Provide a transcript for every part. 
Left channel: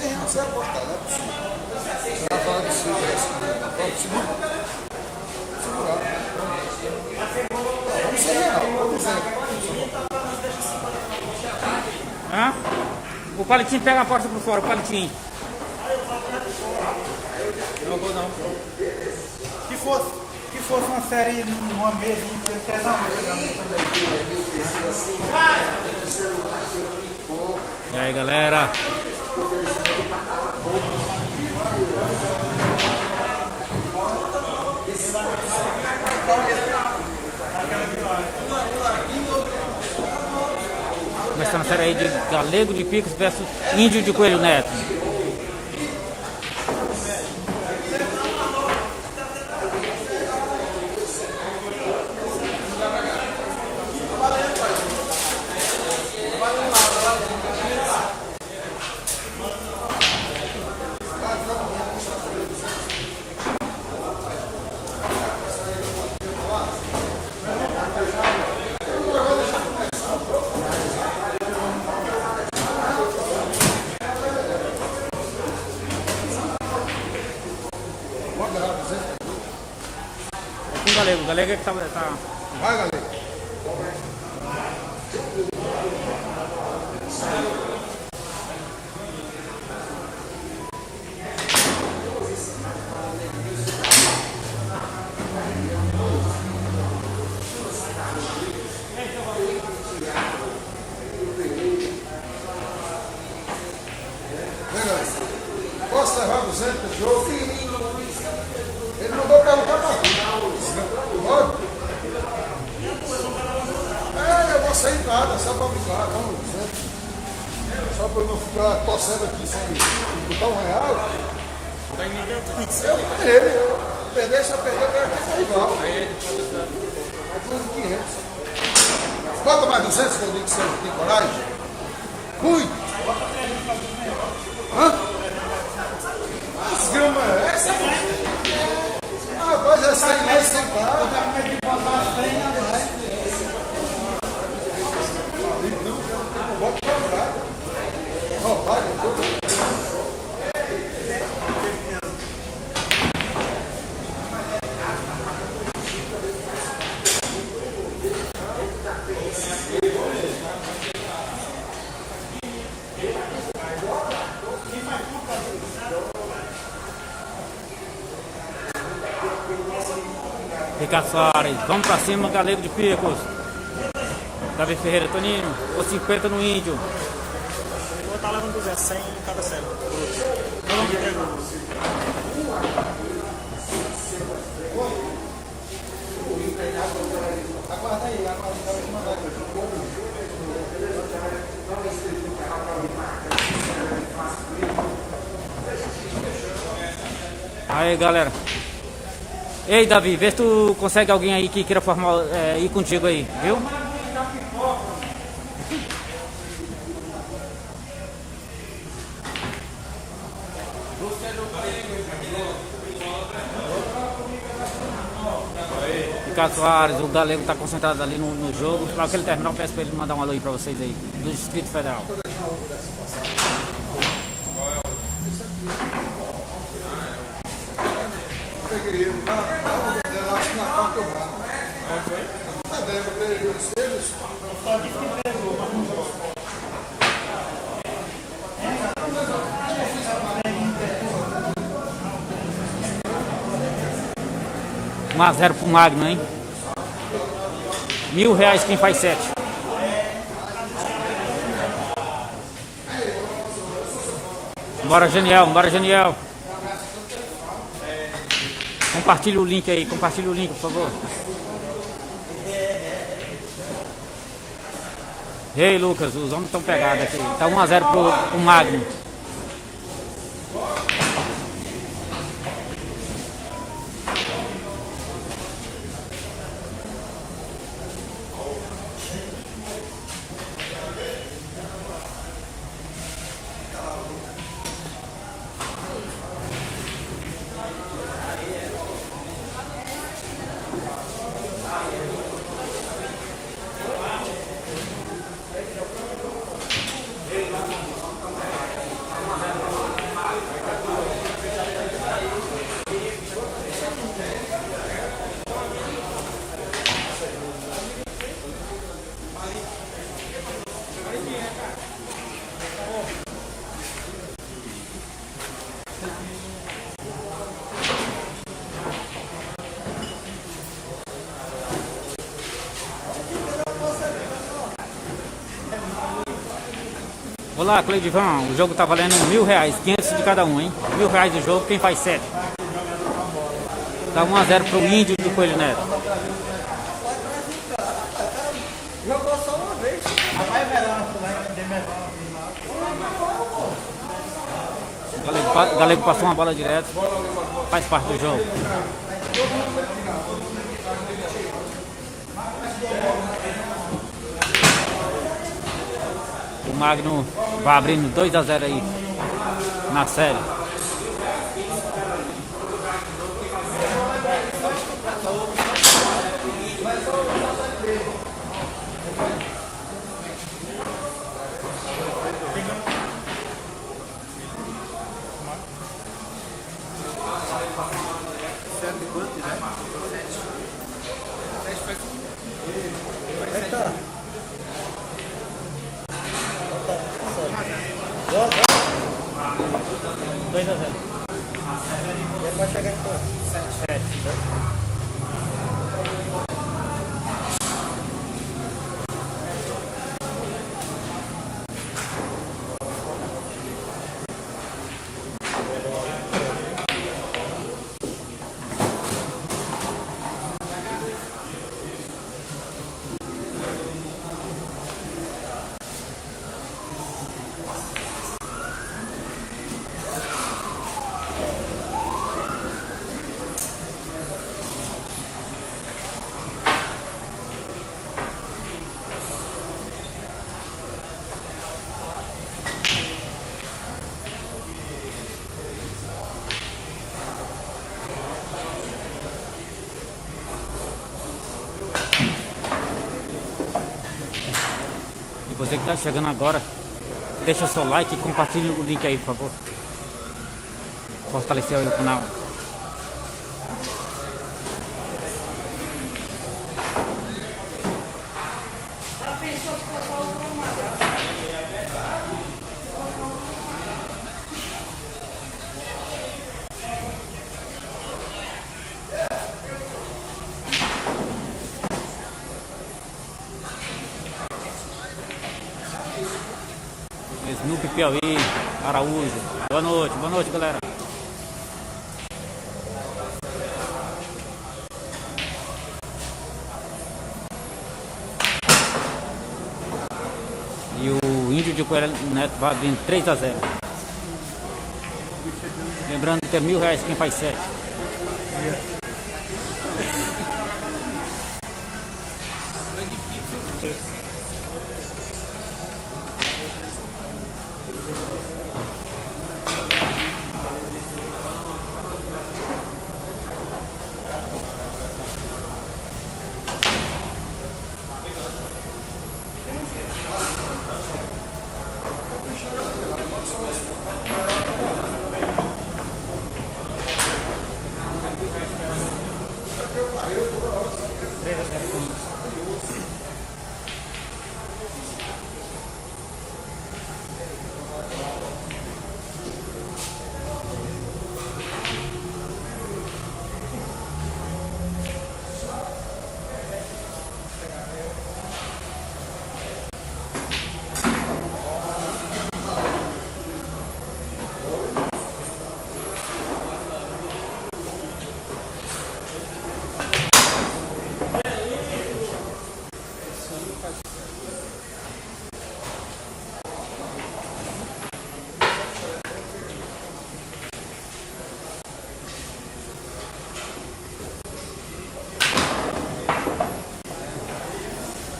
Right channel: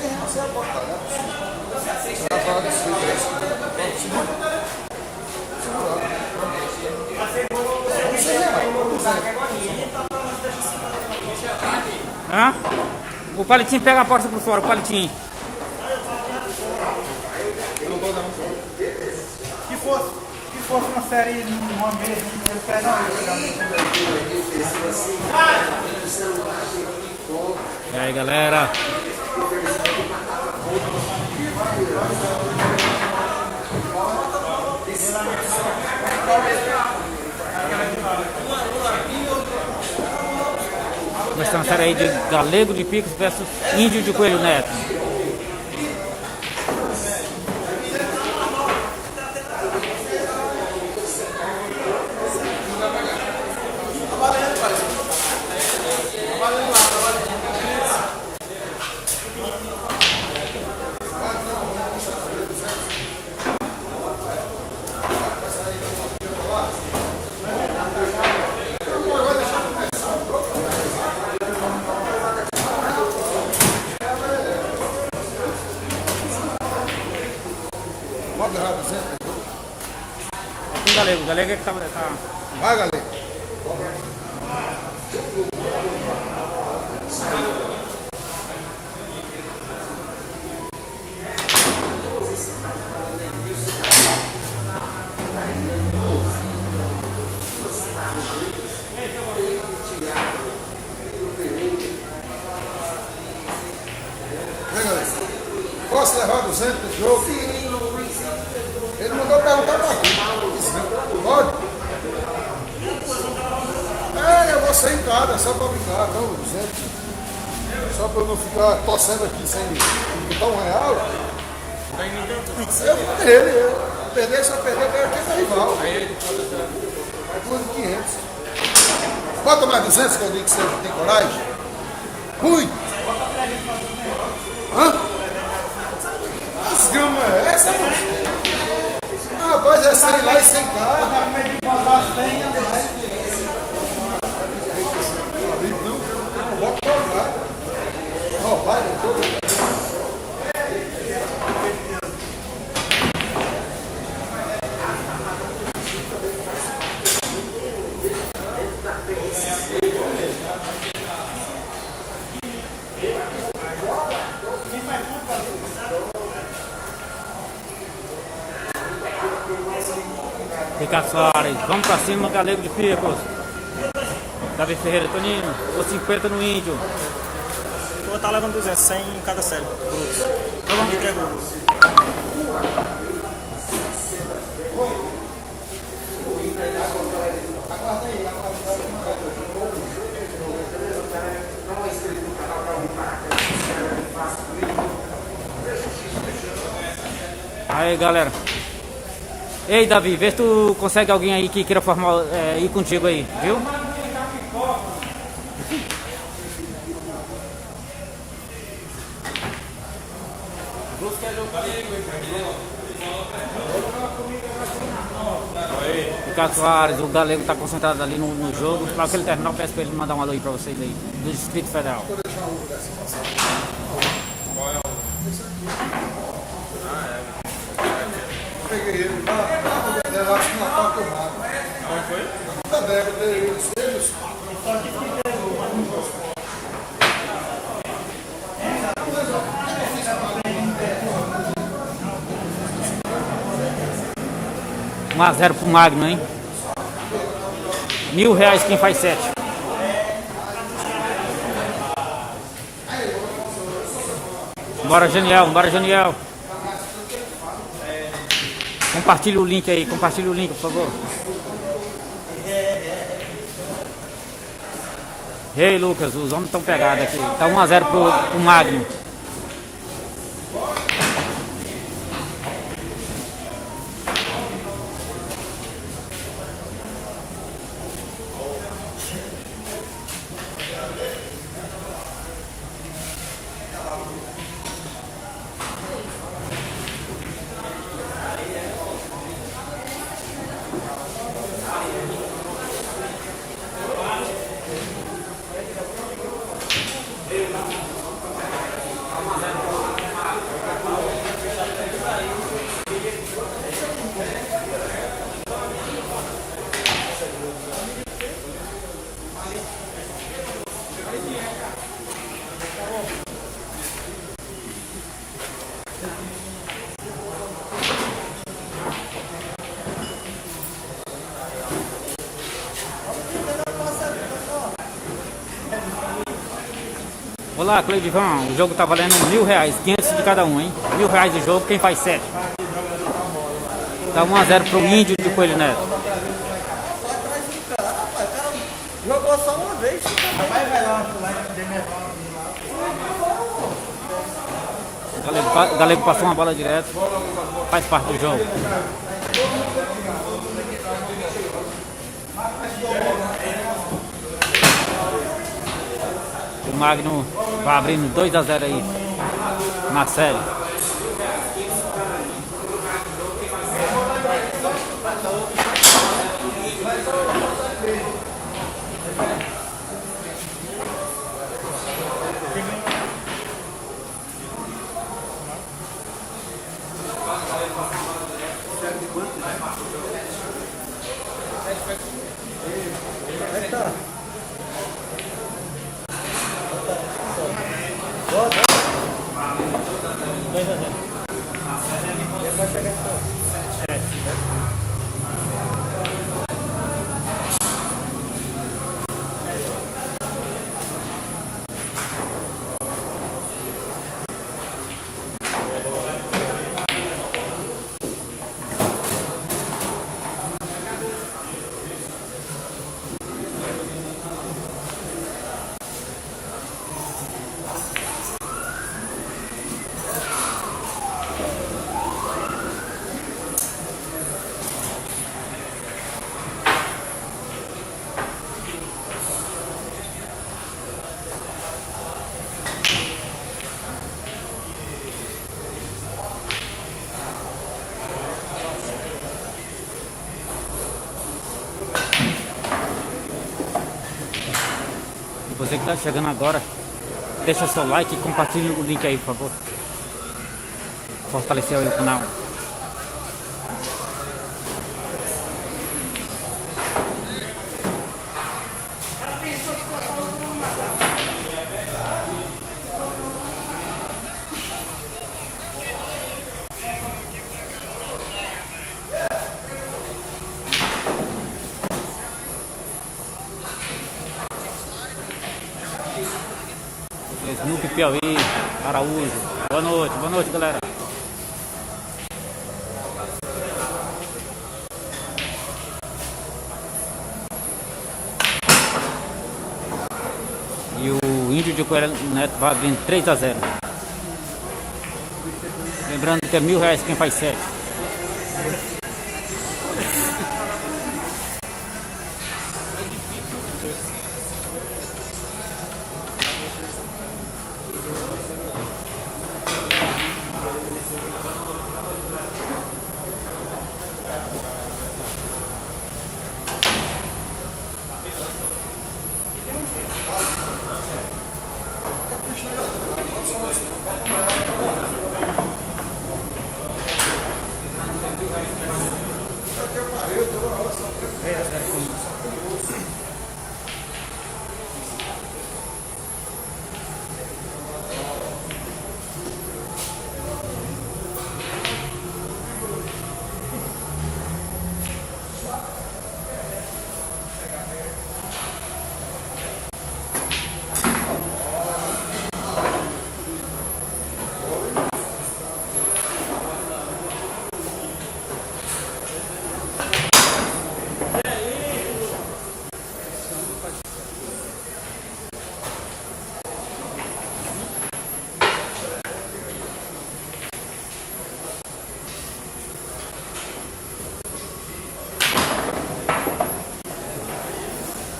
você aposta, né? Você vai falar de si, vamos ser real, vamos ver. Hã? O palitinho pega a porta por fora, o palitinho. Que fosse uma série numa mesa, eu quero dar E aí, galera? Começando a série aí de Galego de Picos versus Índio de Coelho Neto. O Galego é que tá... Vai, galera. Posso levar 200 de jogo? Ele mandou perguntar pra ti. Pode? Eu vou sair em casa, só pra brincar, não, 200. Só pra eu não ficar torcendo aqui sem botar R$1. Eu vou dele, perder, só perder, eu quero ter rival. Mais 500. Bota mais 200 que eu digo que você tem coragem. Muito. Hã? As gamas, essa rapaz, é sair lá e sem carro. Ricardo Soares, vamos pra cima, Galego de Picos. Davi Ferreira, Toninho, ou 50 no Índio. Eu vou estar levando 200, 100 em cada série. Tá bom? Aí, galera. Ei, Davi, vê se tu consegue alguém aí que queira formar, ir contigo aí, viu? Ricardo Soares, o Galego tá concentrado ali no jogo. Claro que ele terminar, eu peço pra ele mandar um alô aí pra vocês aí, do Distrito Federal. Peguei ele, na parte eu mato. Como foi? Tá deve ter eles. Um a 0 pro Magno, hein? R$1.000 quem faz 7. Bora, Janiel, bora, Janiel. Compartilha o link aí, compartilha o link, por favor. Ei, Lucas, os homens estão pegados aqui. Tá 1 a 0 pro Magno. Olá, Cleidivan, o jogo tá valendo R$1.000, 500 de cada um, hein? R$1.000 do jogo, quem faz 7? Tá 1-0 pro Índio de Coelho Neto. Jogou só uma vez. Rapaz, vai lá, vai de Galego passou uma bola direto, faz parte do jogo. O Magno vai abrindo 2-0 aí na série. Você que está chegando agora, deixa seu like e compartilha o link aí, por favor. Fortalecer aí o canal. Snoopy Piauí, Araújo. Boa noite, galera. E o Índio de Coelho Neto vai abrindo 3-0. Lembrando que é R$1.000 quem faz 7.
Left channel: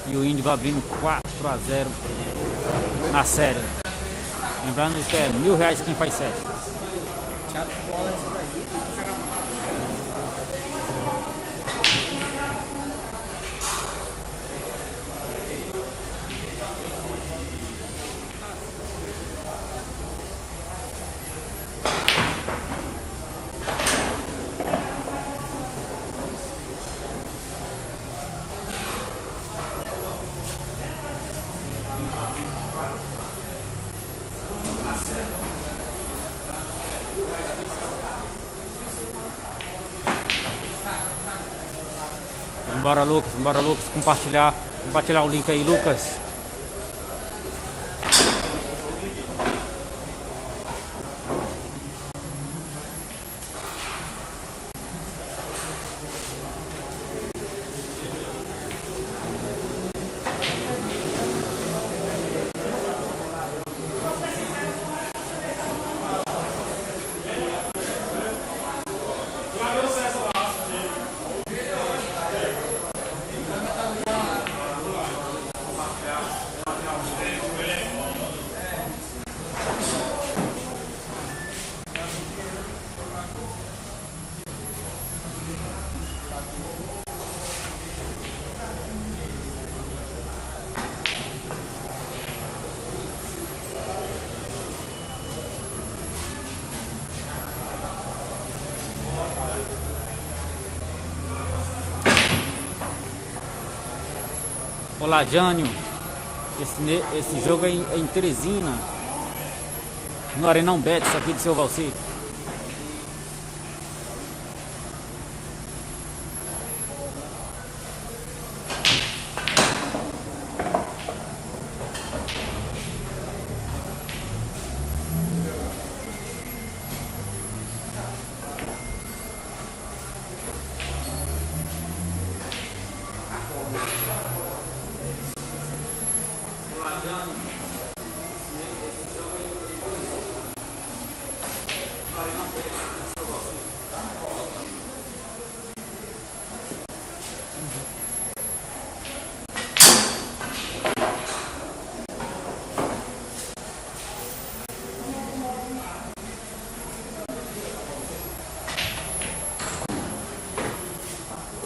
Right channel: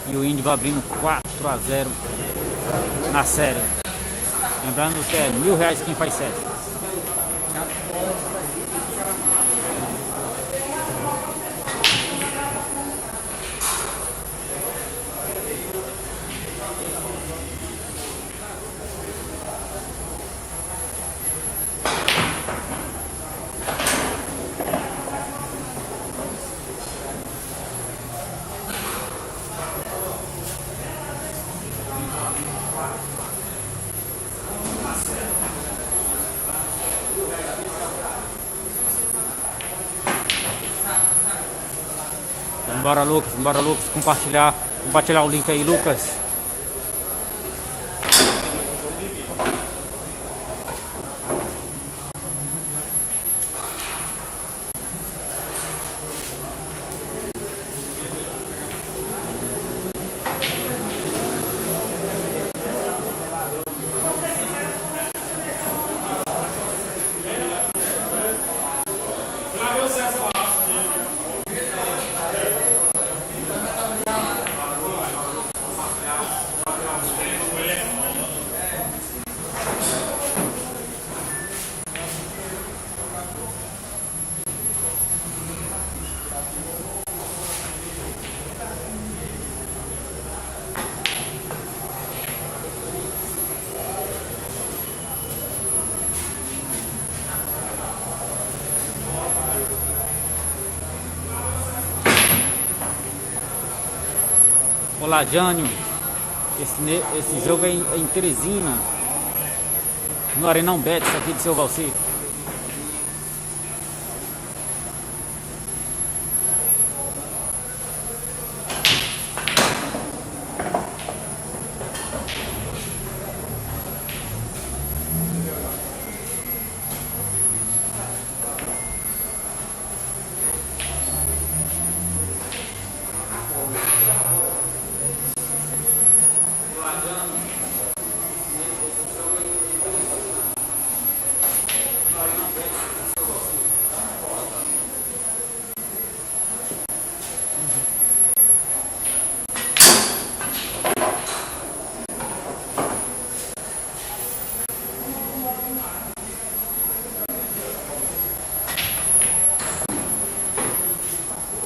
E o Índio vai abrindo 4-0 na série. Lembrando que é R$1.000 quem faz 7. Bora Lucas, compartilhar o link aí, Lucas. Olá, Jânio. Esse jogo é em Teresina, no Arenão Betis, aqui de Seu Valci.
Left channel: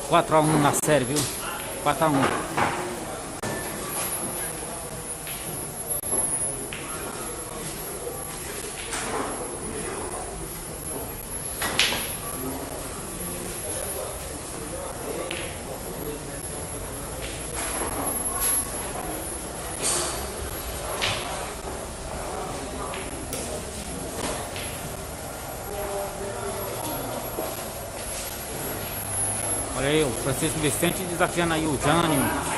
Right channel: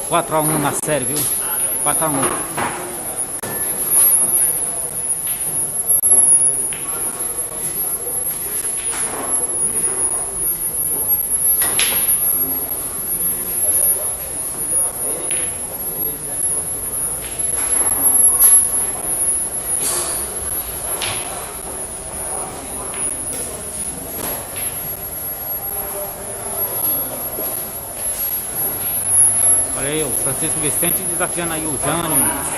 Quatro a 1 na série, viu? 4 a 1. Olha aí, o Francisco Vicente desafiando aí o Jânio.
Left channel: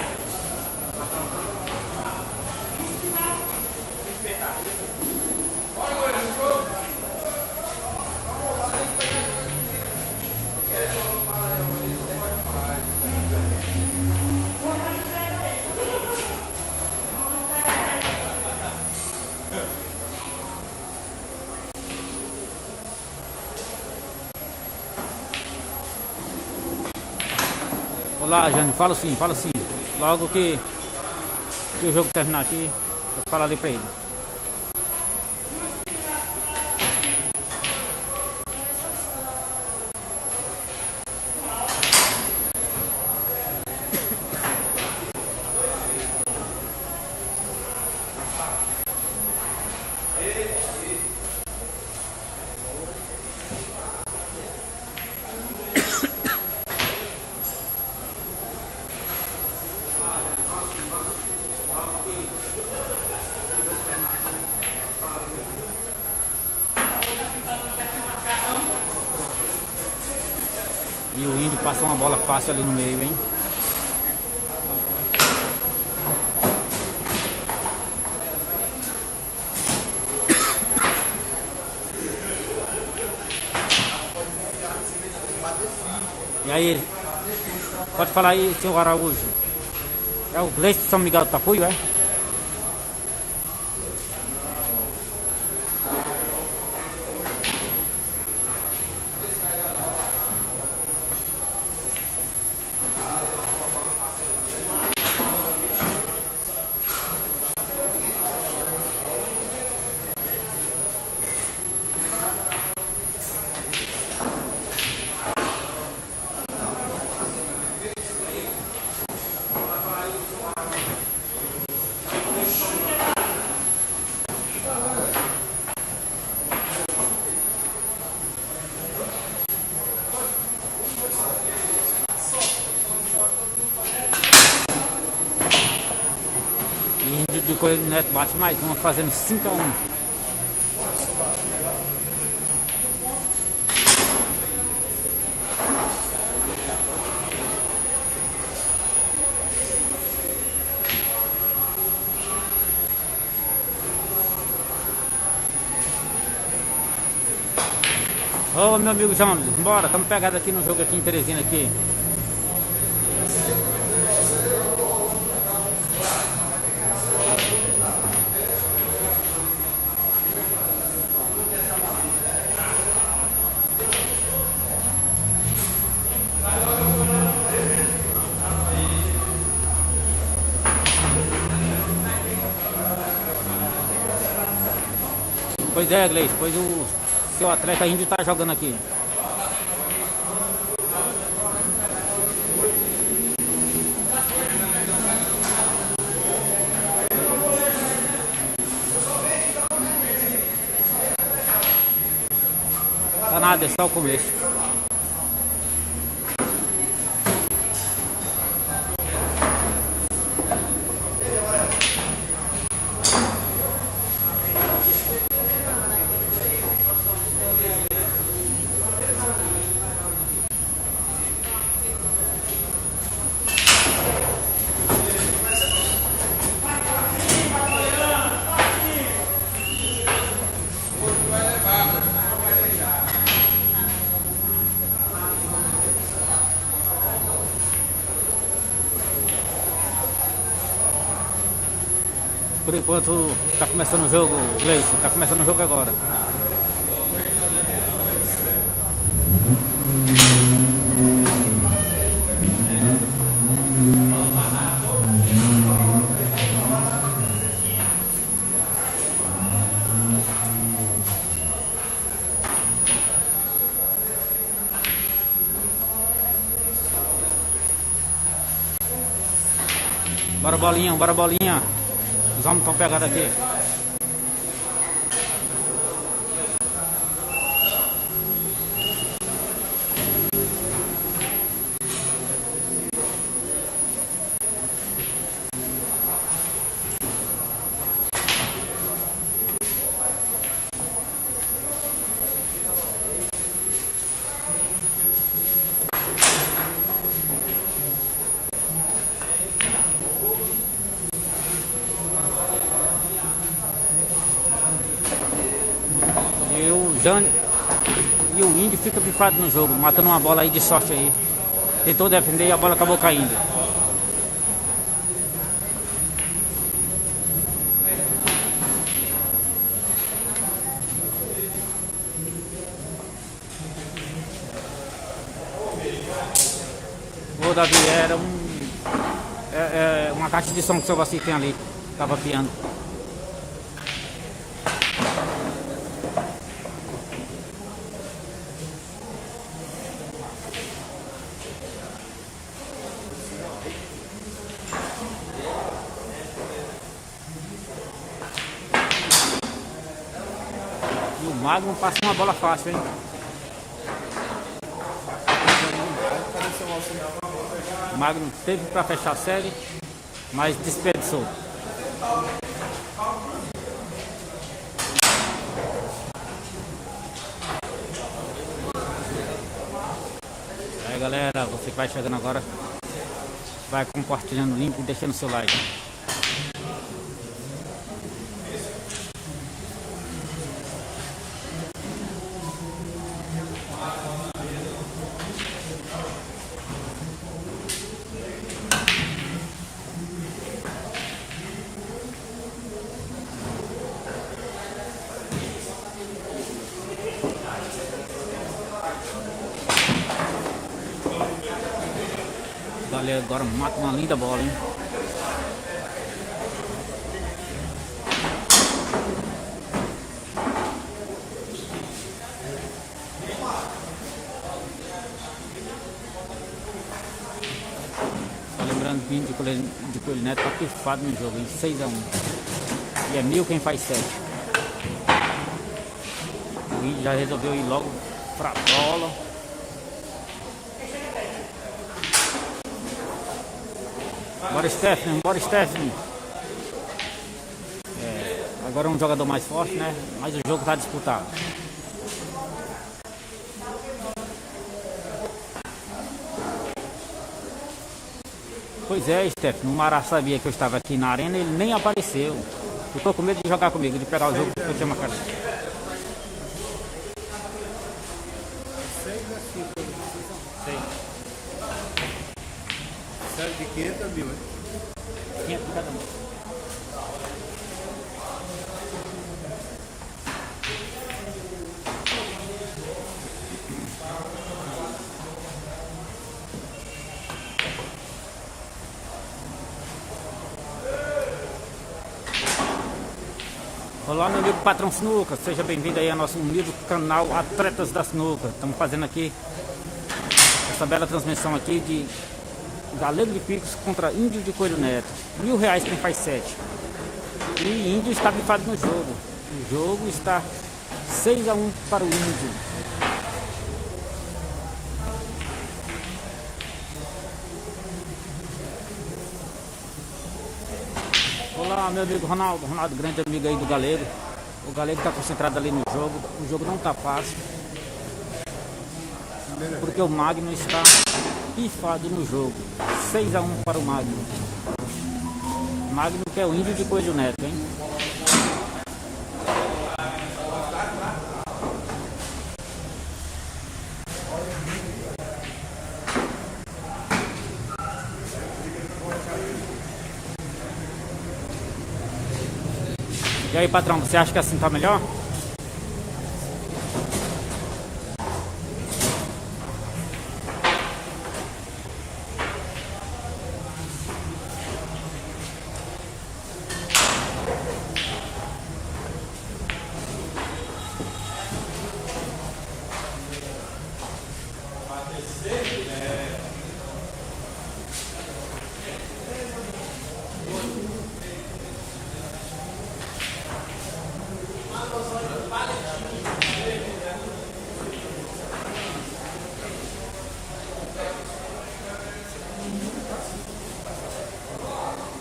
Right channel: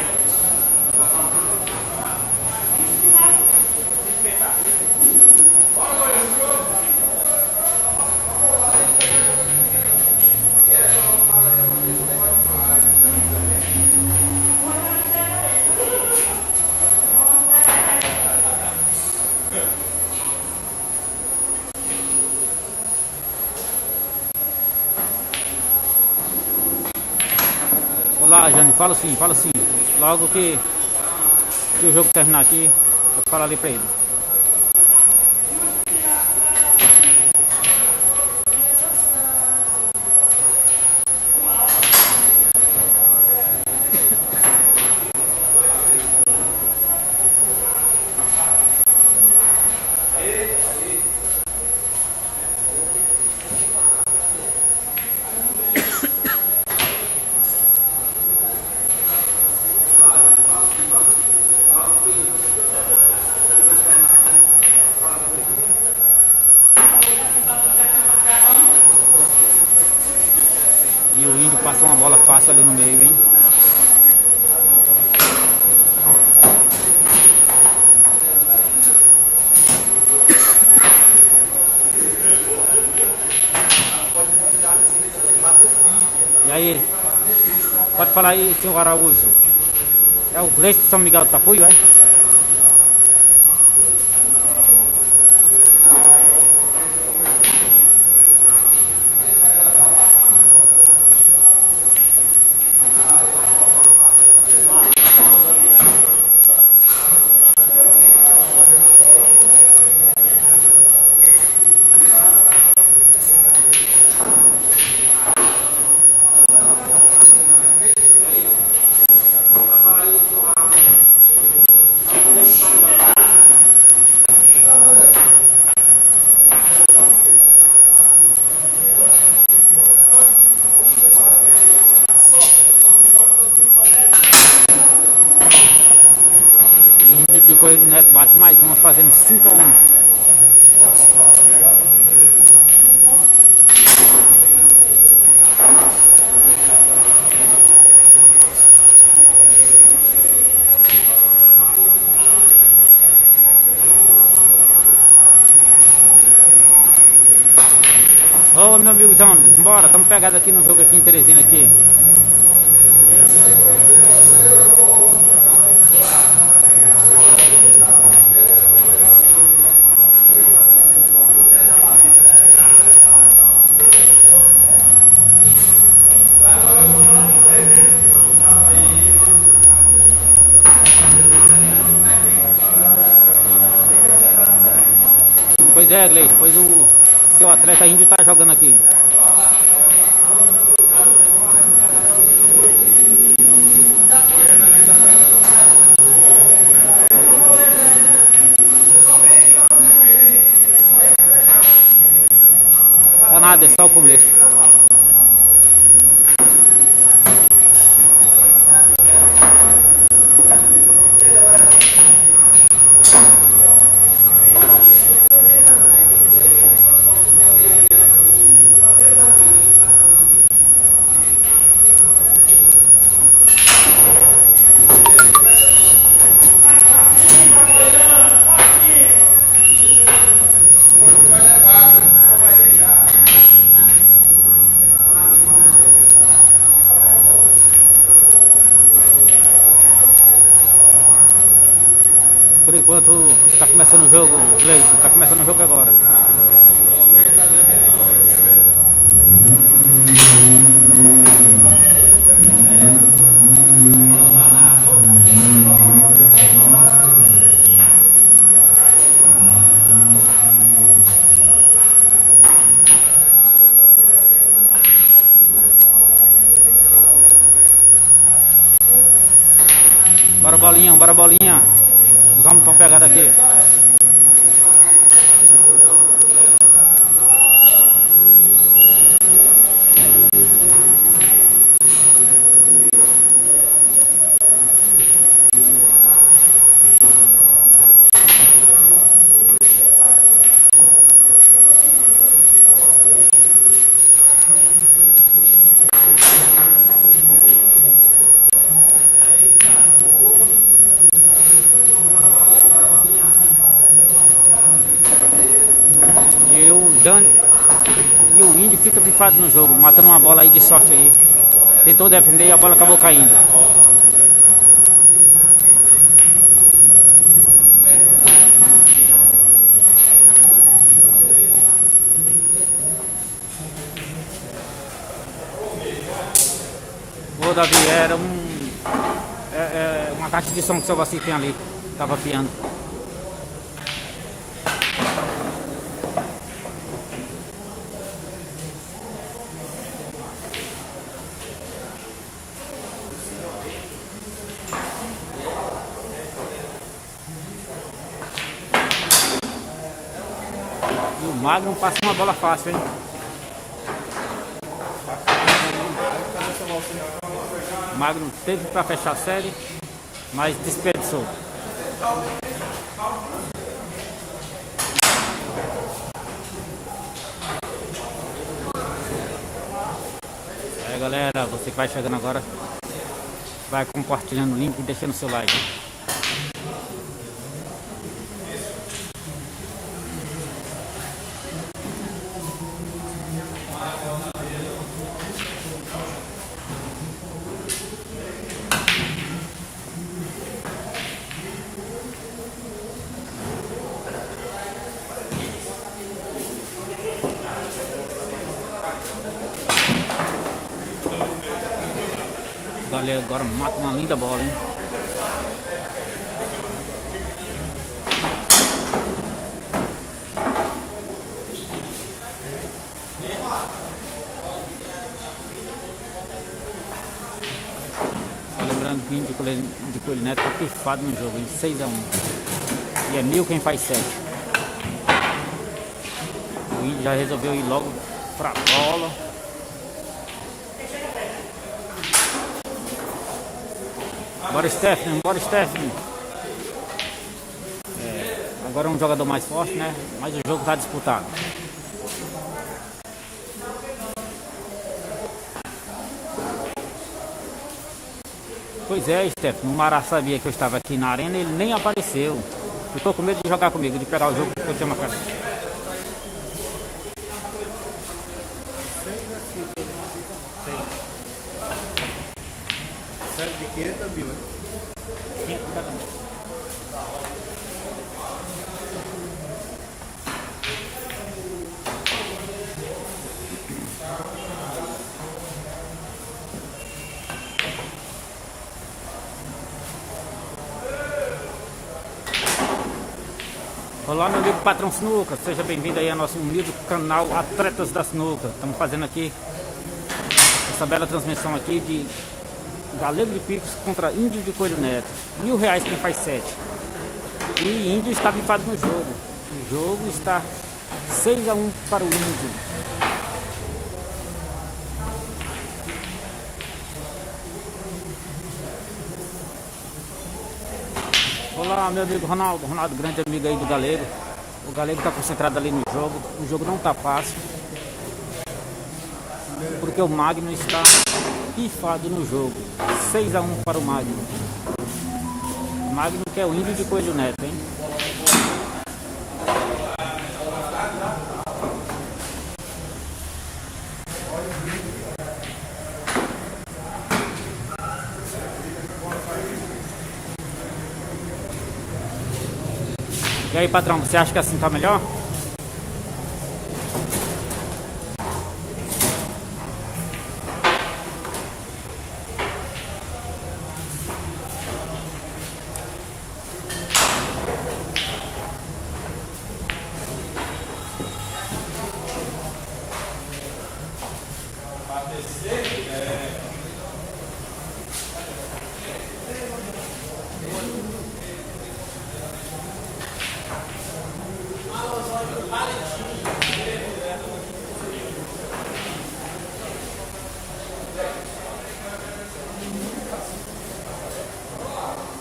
Olá, Jânio, fala sim. Logo que o jogo terminar aqui, eu falo ali pra ele. E o Índio passou uma bola fácil ali no meio, hein? E aí, pode falar aí, senhor Araújo. É o Gleice de São Miguel do Tapuio, é? De Coelho Neto bate mais uma, fazendo 5 a 1. Ô, meu amigo João, bora, estamos pegados aqui no jogo aqui em Teresina aqui. Pois é, Gleice, pois o seu atleta índio tá jogando aqui. Tá nada, é só o começo. Por enquanto está começando o jogo, Gleice, está começando o jogo agora. Bora bolinha, bora bolinha. Os homens estão pegados aqui. E o índio fica pifado no jogo, matando uma bola aí de sorte aí. Tentou defender e a bola acabou caindo. Ô Davi, era uma caixa de som que o seu Vassi tem ali. Tava piando. E o Magno passa uma bola fácil, hein? O Magno teve para fechar a série, mas desperdiçou. Aí galera, você que vai chegando agora, vai compartilhando o link e deixando seu like. Galera, agora mata uma linda bola, hein? Só lembrando que o índio de Coelho Neto tá pifado no jogo, em 6-1. E é 1000 quem faz 7. O índio já resolveu ir logo pra bola. Bora Stephanie, bora Stephanie. Agora é um jogador mais forte, né? Mas o jogo tá disputado. Pois é, Stephanie, o Mará sabia que eu estava aqui na arena, ele nem apareceu. Ficou com medo de jogar comigo, de pegar o jogo que eu tinha marcado. Olá, meu amigo Patrão Sinuca, seja bem-vindo aí ao nosso humilde canal Atletas da Sinuca. Estamos fazendo aqui essa bela transmissão aqui de Galego de Picos contra Índio de Coelho Neto. R$1.000 quem faz 7. E Índio está bifado no jogo. O jogo está 6-1 para o Índio. Olá, meu amigo Ronaldo, grande amigo aí do Galego. O Galego está concentrado ali no jogo. O jogo não está fácil, porque o Magno está pifado no jogo. 6-1 para o Magno. Magno que é o Índio de Coelho Neto, hein? E aí, patrão, você acha que assim tá melhor?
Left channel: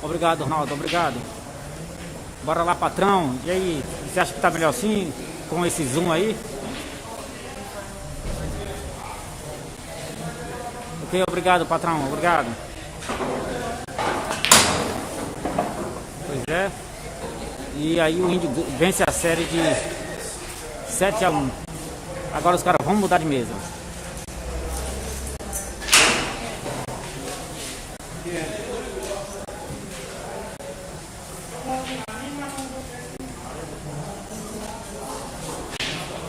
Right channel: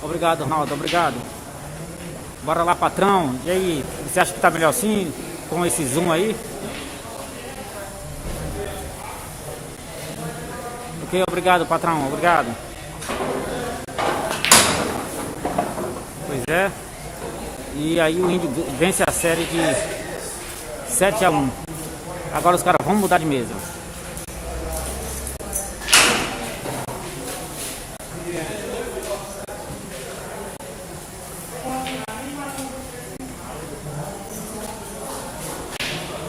Obrigado, Ronaldo, obrigado. Bora lá, patrão. E aí, você acha que tá melhor assim, com esse zoom aí? Ok, obrigado, patrão, obrigado. Pois é. E aí o Índio vence a série de 7-1. Agora os caras vão mudar de mesa.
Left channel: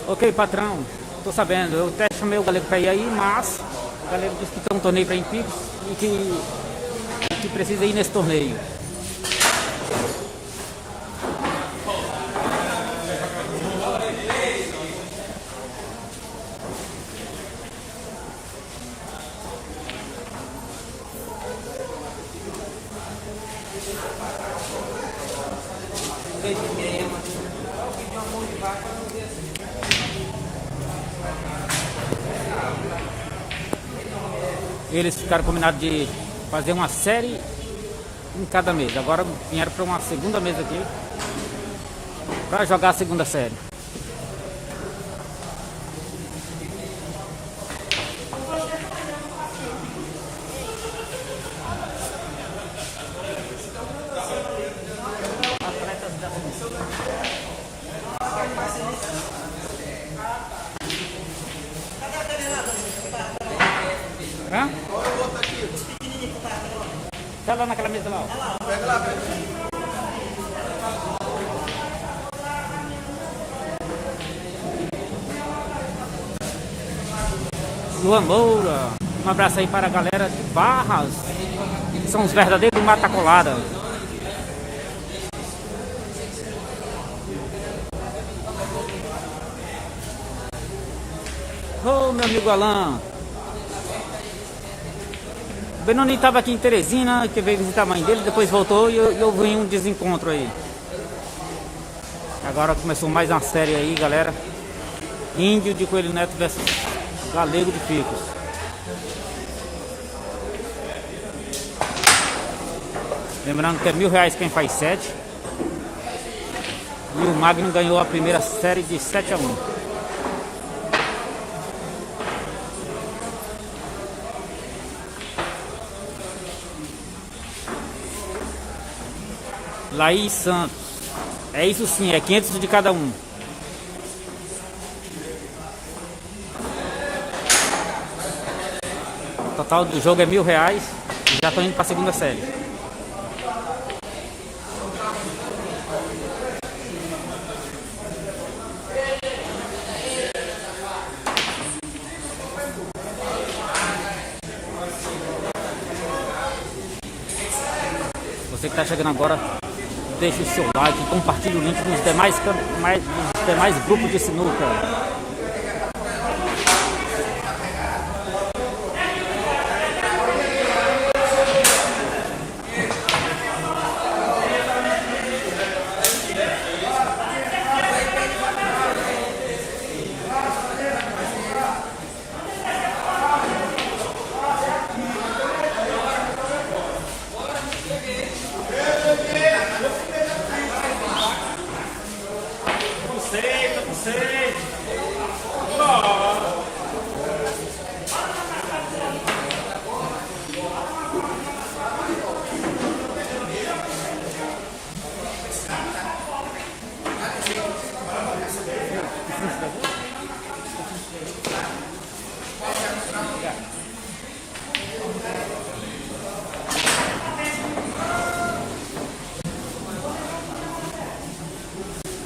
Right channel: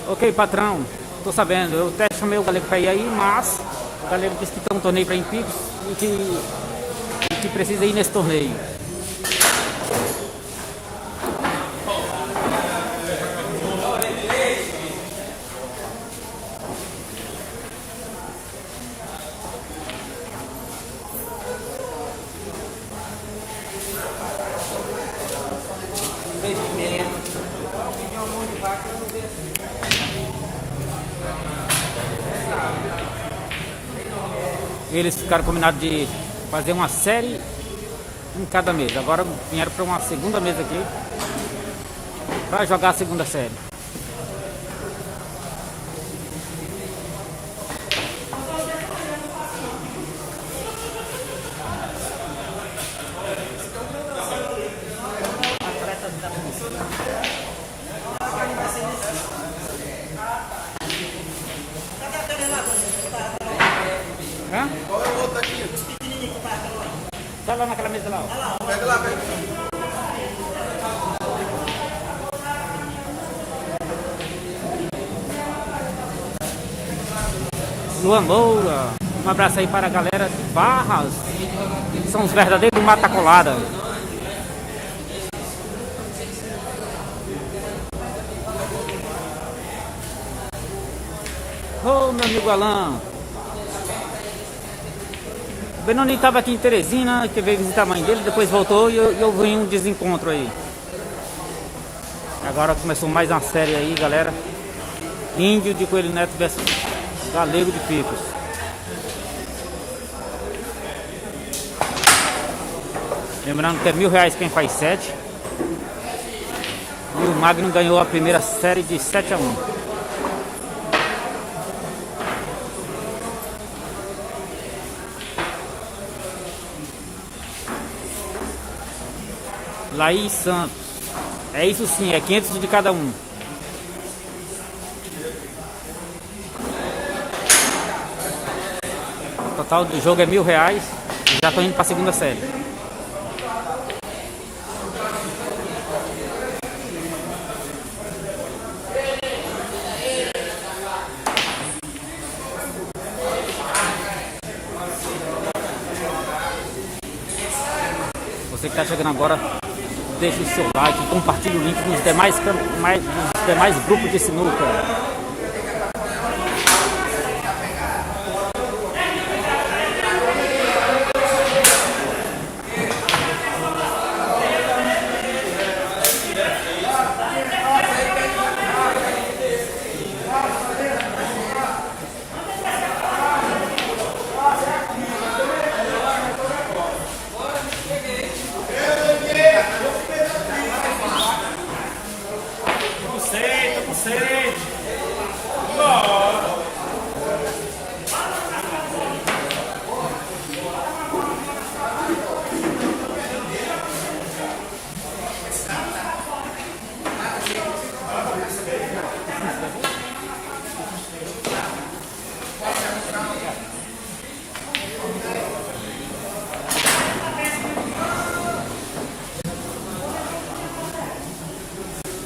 Ok, patrão, tô sabendo, eu até chamei o Galego pra ir aí, mas o Galego disse que tem um torneio pra ir em Picos e que precisa ir nesse torneio. Eles ficaram combinados de fazer uma série em cada mesa. Agora vieram para uma segunda mesa aqui para jogar a segunda série. Hã? Tá lá naquela mesa lá. Pega lá, pega. Luan Moura, um abraço aí para a galera de Barras. São os verdadeiros mata colada. Ô, meu amigo Alan. O Benoni estava aqui em Teresina, que veio visitar a mãe dele, depois voltou e eu vi um desencontro aí. Agora começou mais uma série aí, galera. Índio de Coelho Neto versus Galego de Picos. Lembrando que é R$1.000 quem faz 7. E o Magno ganhou a primeira série de 7-1. Laís Santos. É isso sim, é 500 de cada um. O total do jogo é R$1.000. E já estou indo para a segunda série. Você que está chegando agora, deixe o seu like, compartilhe o link nos demais grupos de sinuca.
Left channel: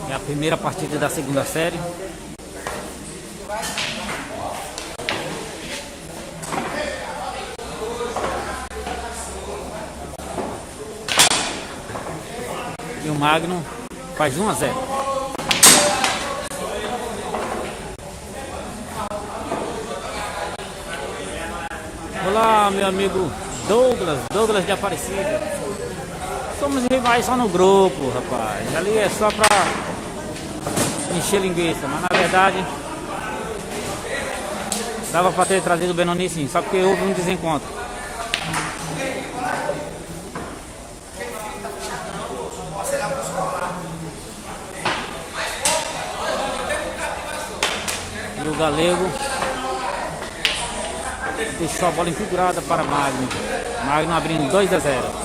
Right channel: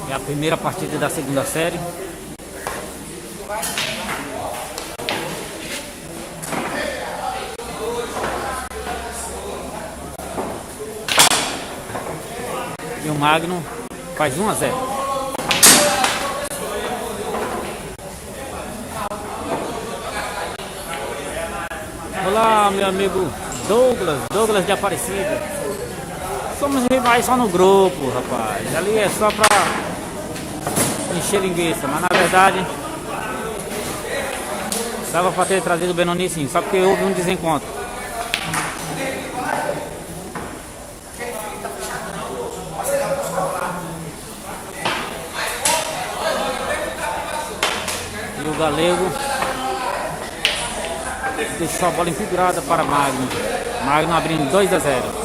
É a primeira partida da segunda série. E o Magno faz 1-0. Olá, meu amigo Douglas de Aparecida. Somos rivais só no grupo, rapaz. Ali é só pra encher linguiça, mas na verdade dava pra ter trazido o Benoni sim, só porque houve um desencontro. E o Galego deixou a bola enfigurada para Magno. Magno abrindo 2-0.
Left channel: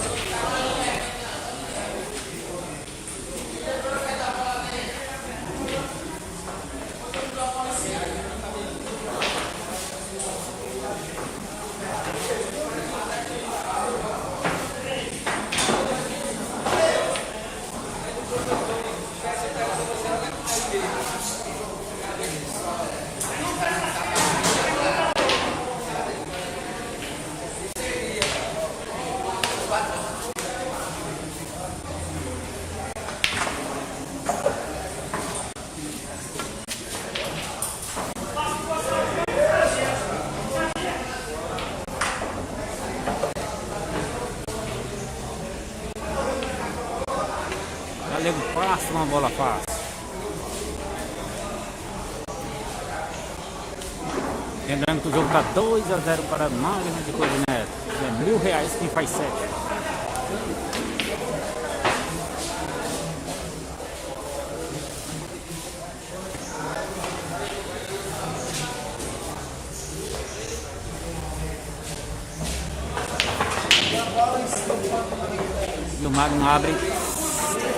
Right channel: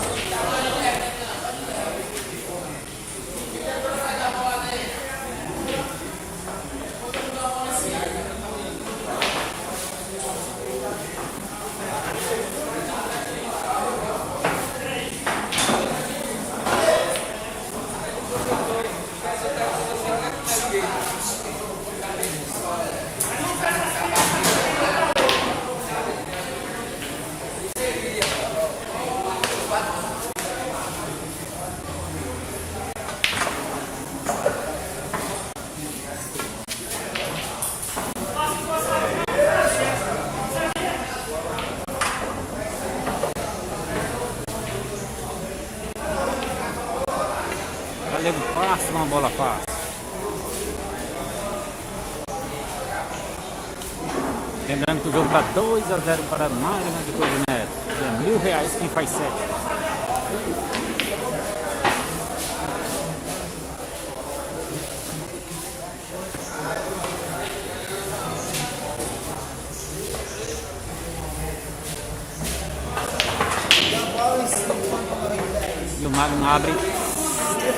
Galego passa uma bola fácil. Lembrando que o jogo está 2-0 para Magno de Coelho Neto. É R$1.000 quem faz 7. E o Magno abre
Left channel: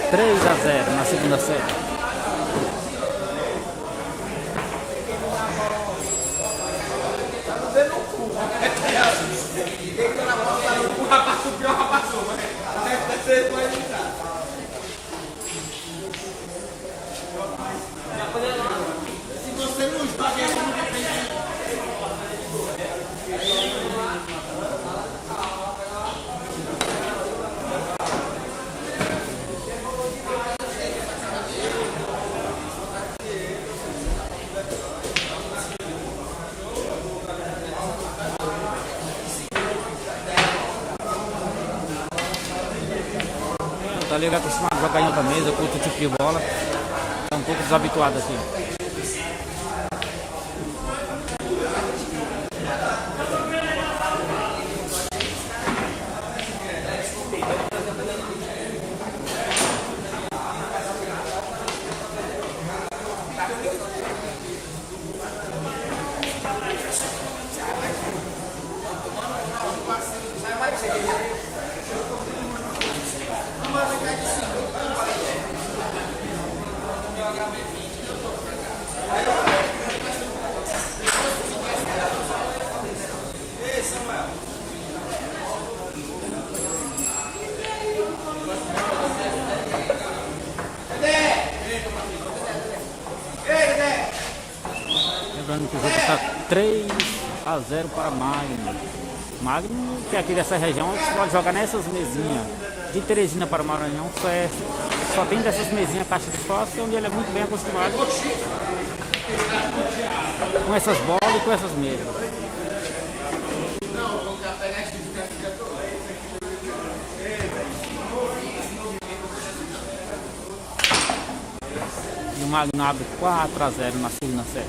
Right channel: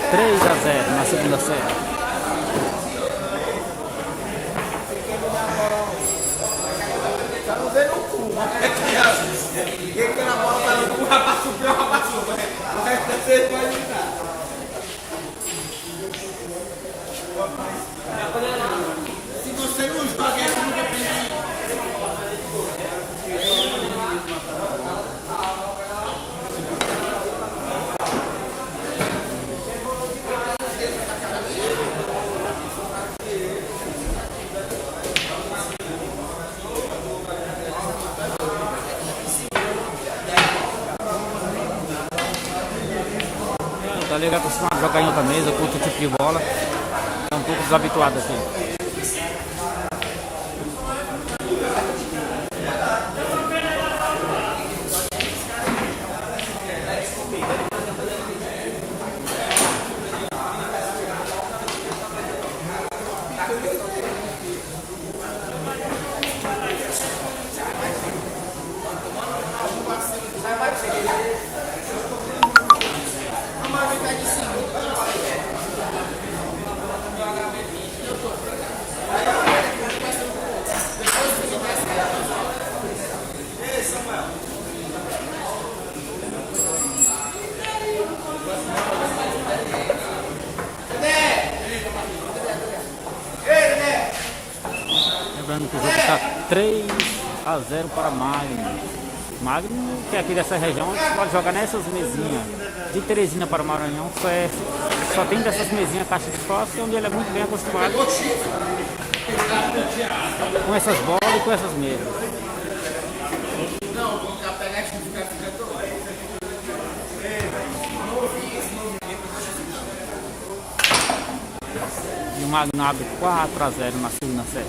3-0 na segunda série. O Galego é acostumado a jogar em outra mesa com outro tipo de bola. É um pouco desabituado aqui. Lembrando que o jogo está 3-0 para Magno. Magno, que é aqui dessa região, você pode jogar nessas mesinhas. De Teresina para o Maranhão, só tem dessas mesinhas caixa de fósforo, onde ele é muito bem acostumado com essas bolas e com essas mesas. E o Magno abre 4-0 na segunda série.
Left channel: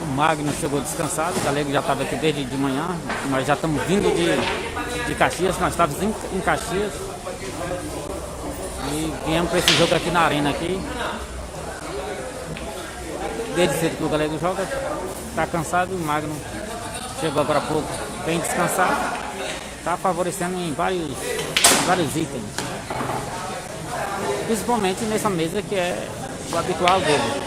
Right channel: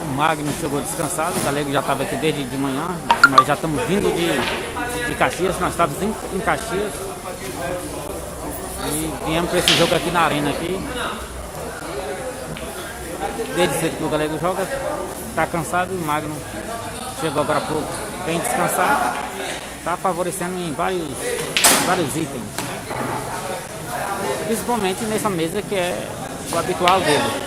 O Magno chegou descansado, o Galego já estava aqui desde de manhã. Nós já estamos vindo de Caxias, nós estávamos em Caxias e viemos para esse jogo aqui na arena aqui. Desde cedo que o Galego joga, está cansado, o Magno chegou agora há pouco bem descansado, está favorecendo em vários itens, principalmente nessa mesa que é o habitual dele.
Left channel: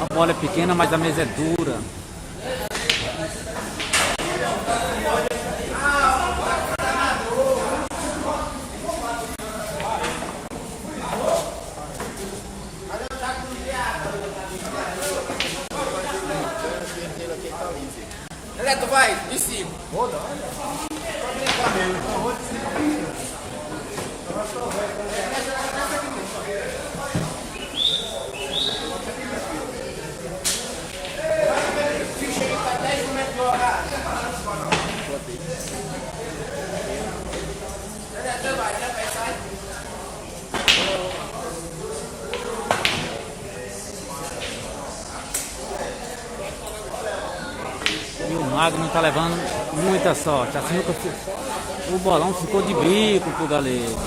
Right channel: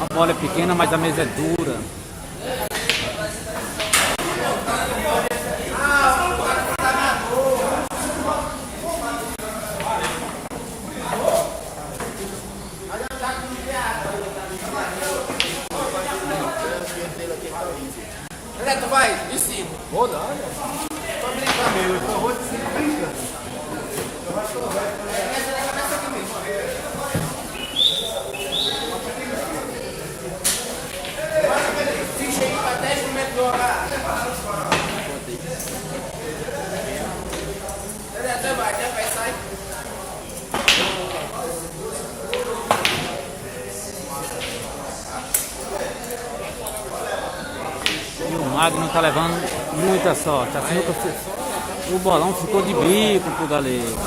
A bola é pequena, mas a mesa é dura. Neto, vai, em cima. Vou não. Pra brincar mesmo, então vou brincar. Ficha aí pra 10 momentos do horário. Neto, vai sair. E o Magno tá levando muita sorte. A sinuca, o bolão ficou de bico pro Galego.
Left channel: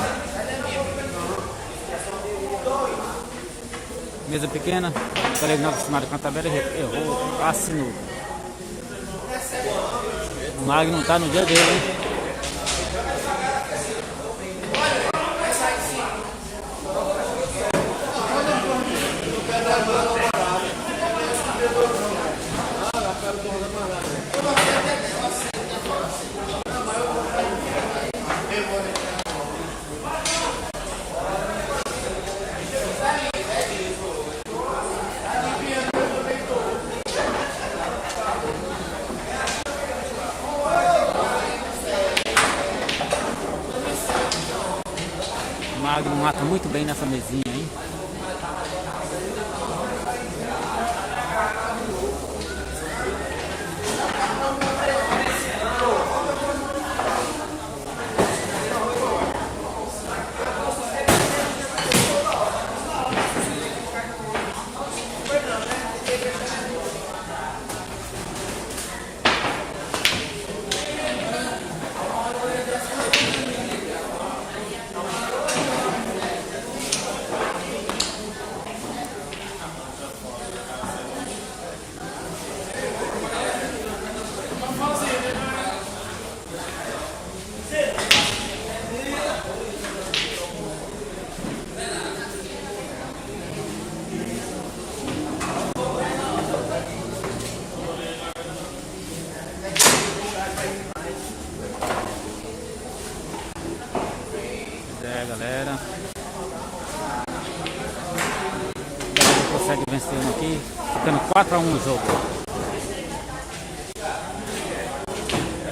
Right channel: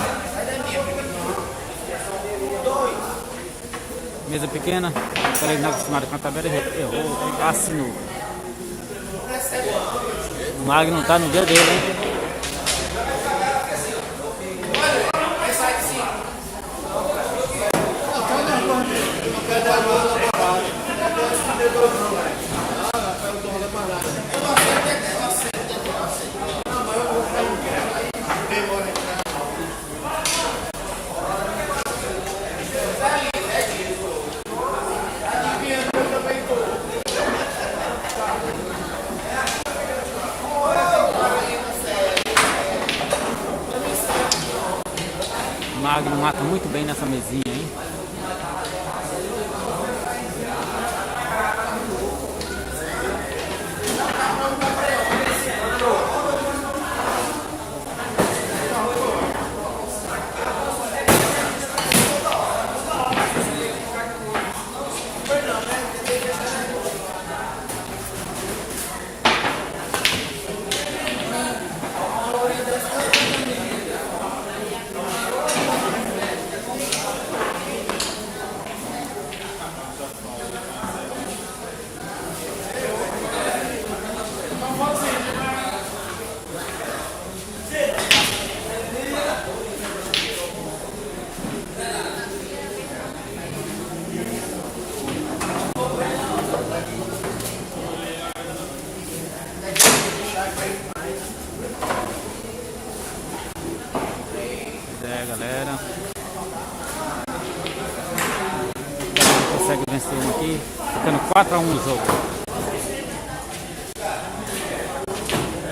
Mesa pequena, o Galego não acostumado com a tabela, errou a sinuca. O Magno tá no dia dele, hein? O Magno mata muito bem nessa mesinha, hein? Galera, ele consegue vencer um aqui, ficando 4-1 no jogo.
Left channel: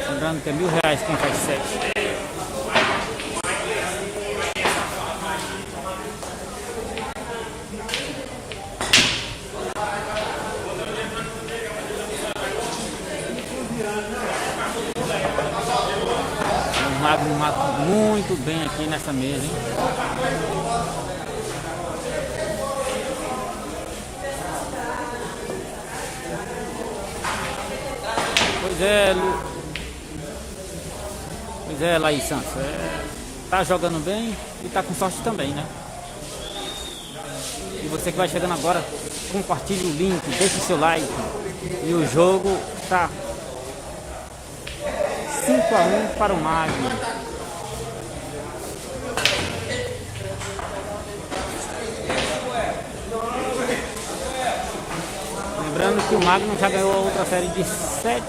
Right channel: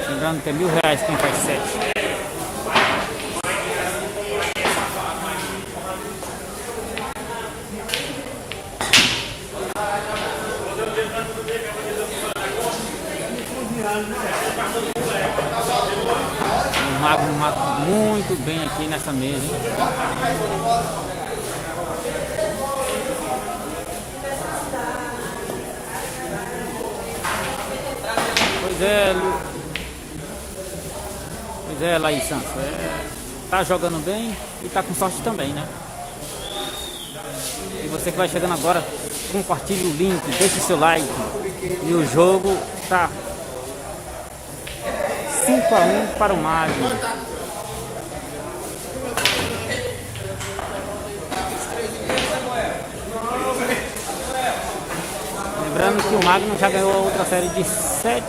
Lembrando que é R$1.000 quem faz 7. O Magno mata muito bem aqui nessa mesa, hein? Pois é, Laís Santos. Tá jogando bem e tá com sorte também, né? E você que vai chegando agora, compartilhe o link, deixe seu like. E o jogo tá 5-1 para o Magno. Lembrando que o Magno já ganhou a outra série de 7-1.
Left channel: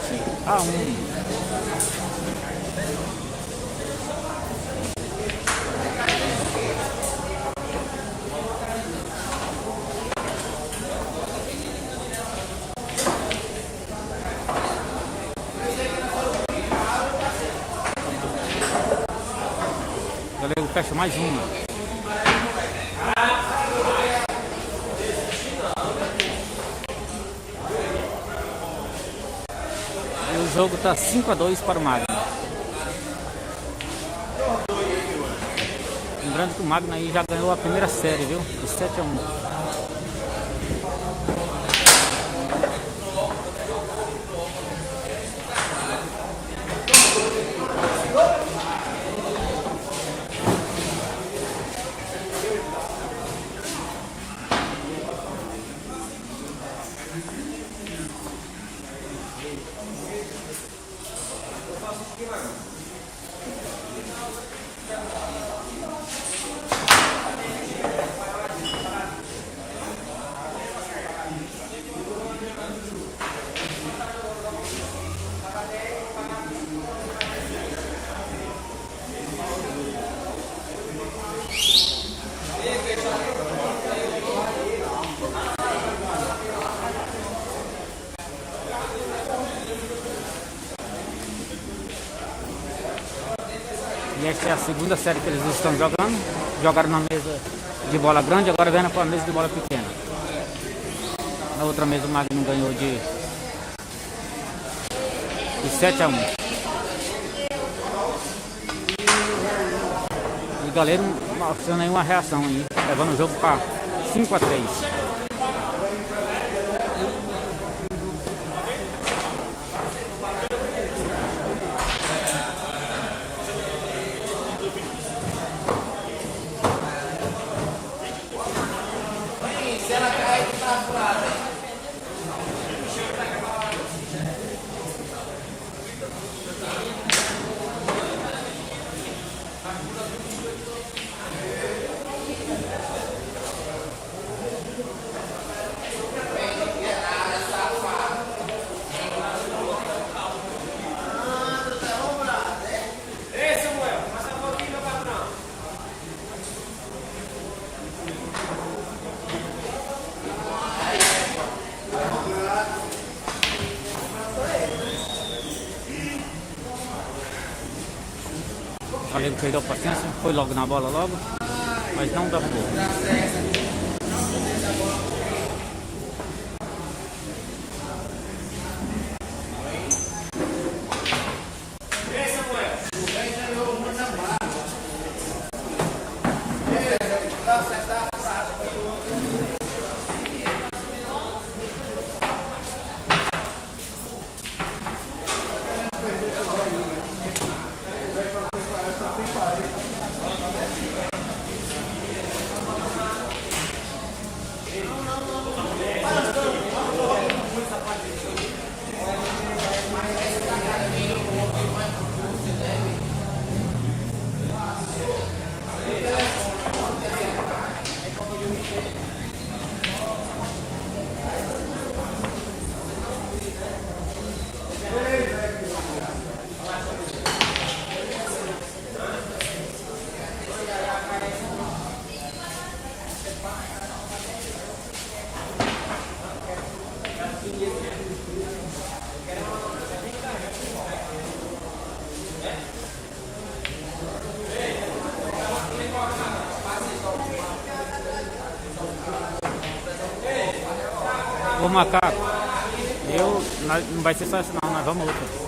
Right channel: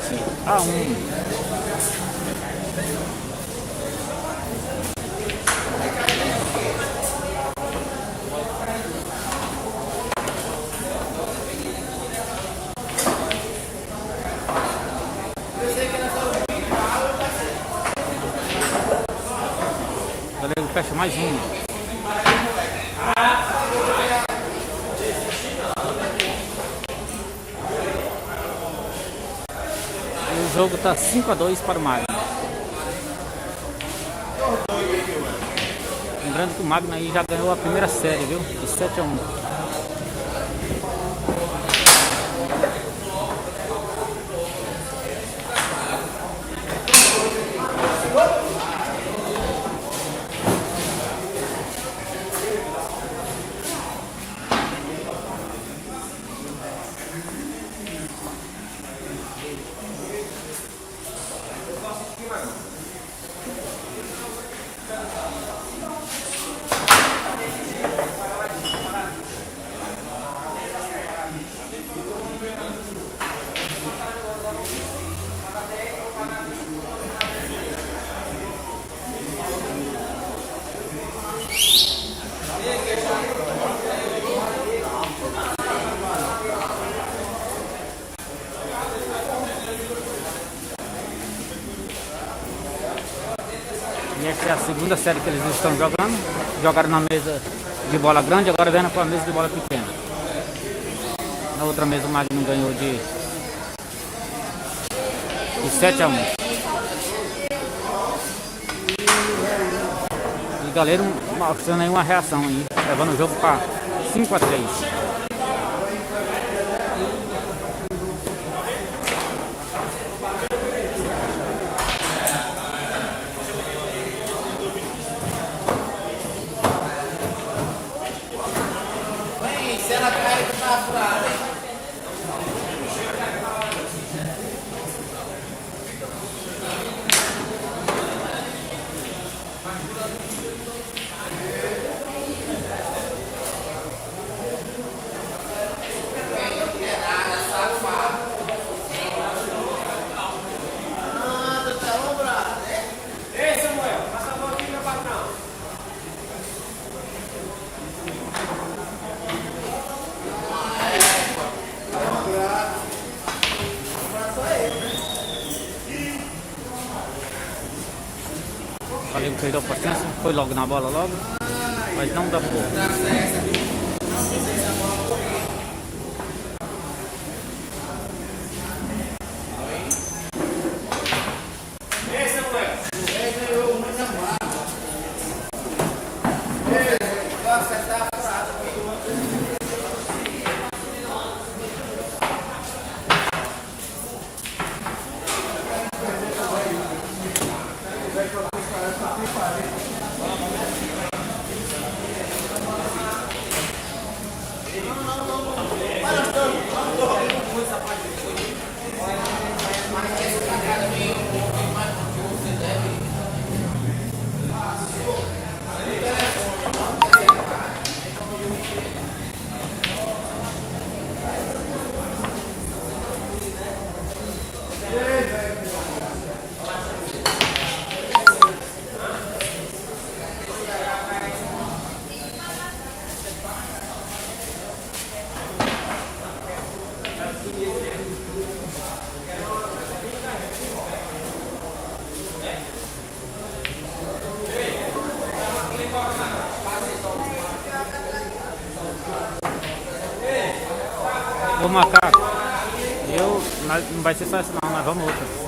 Galego fecha mais uma. E o jogo tá 5-2 para o Magno. Lembrando que o Magno aí já ganhou a primeira série, viu? De 7-1. E essa é a segunda série que eles estão jogando. Jogaram na mesa de bola grande, agora vem para a mesa de bola pequena. Na outra mesa o Magno ganhou de 7-1. E galera mostrando aí uma reação aí, levando o jogo para 5-3. O Galego perdeu a paciência, foi logo na bola logo, mas não dá pouco. Ô Macaco, não vai ser só essa não, nós vamos outra.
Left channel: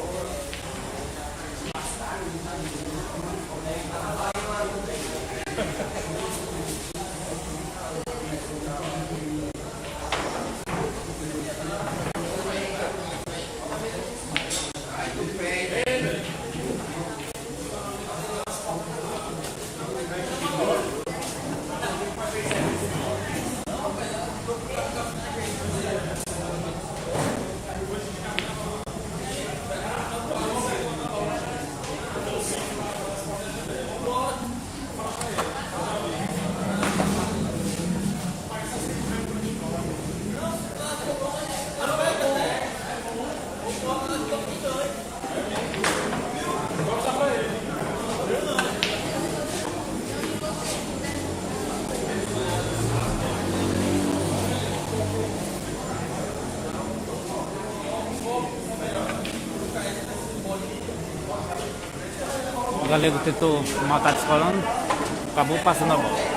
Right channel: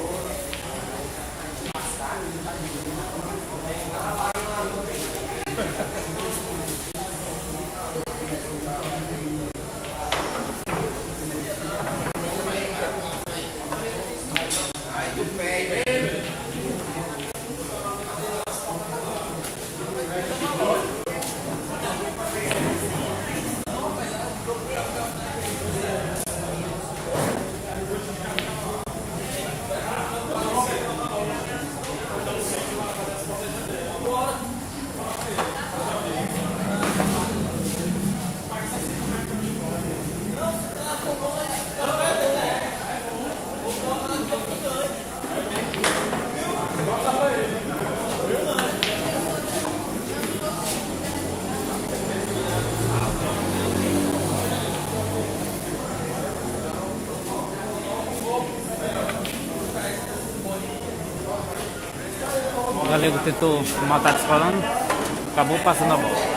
Galego tentou matar descolando, acabou passando a bola.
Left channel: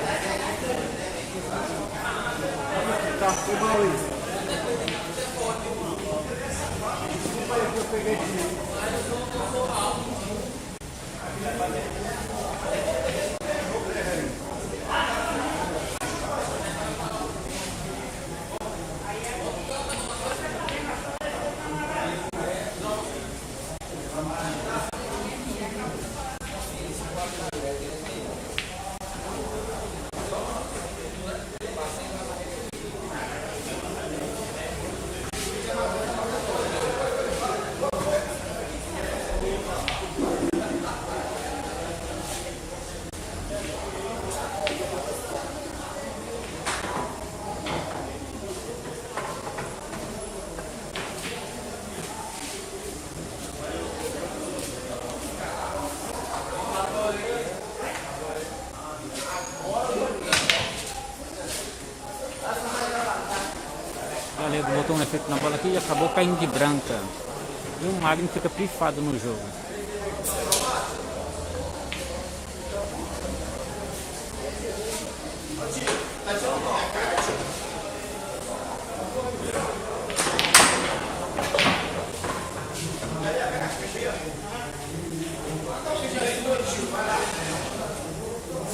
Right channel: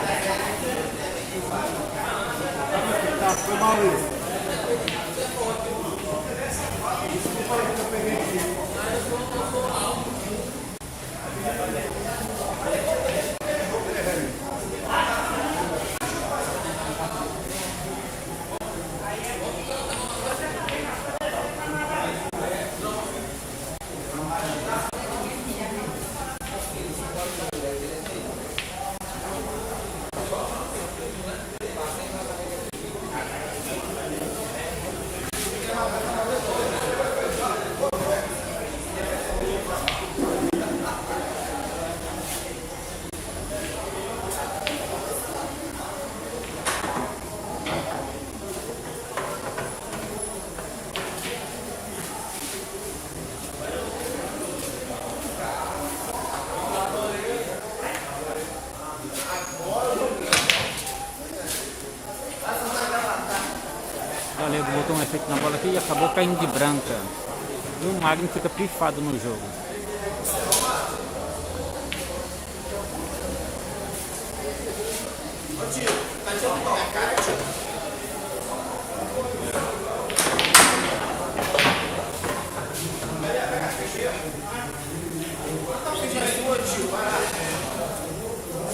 O Galego botou um efeito na bola aqui e acabou caindo de branca. E o Magno fica pifado no jogo.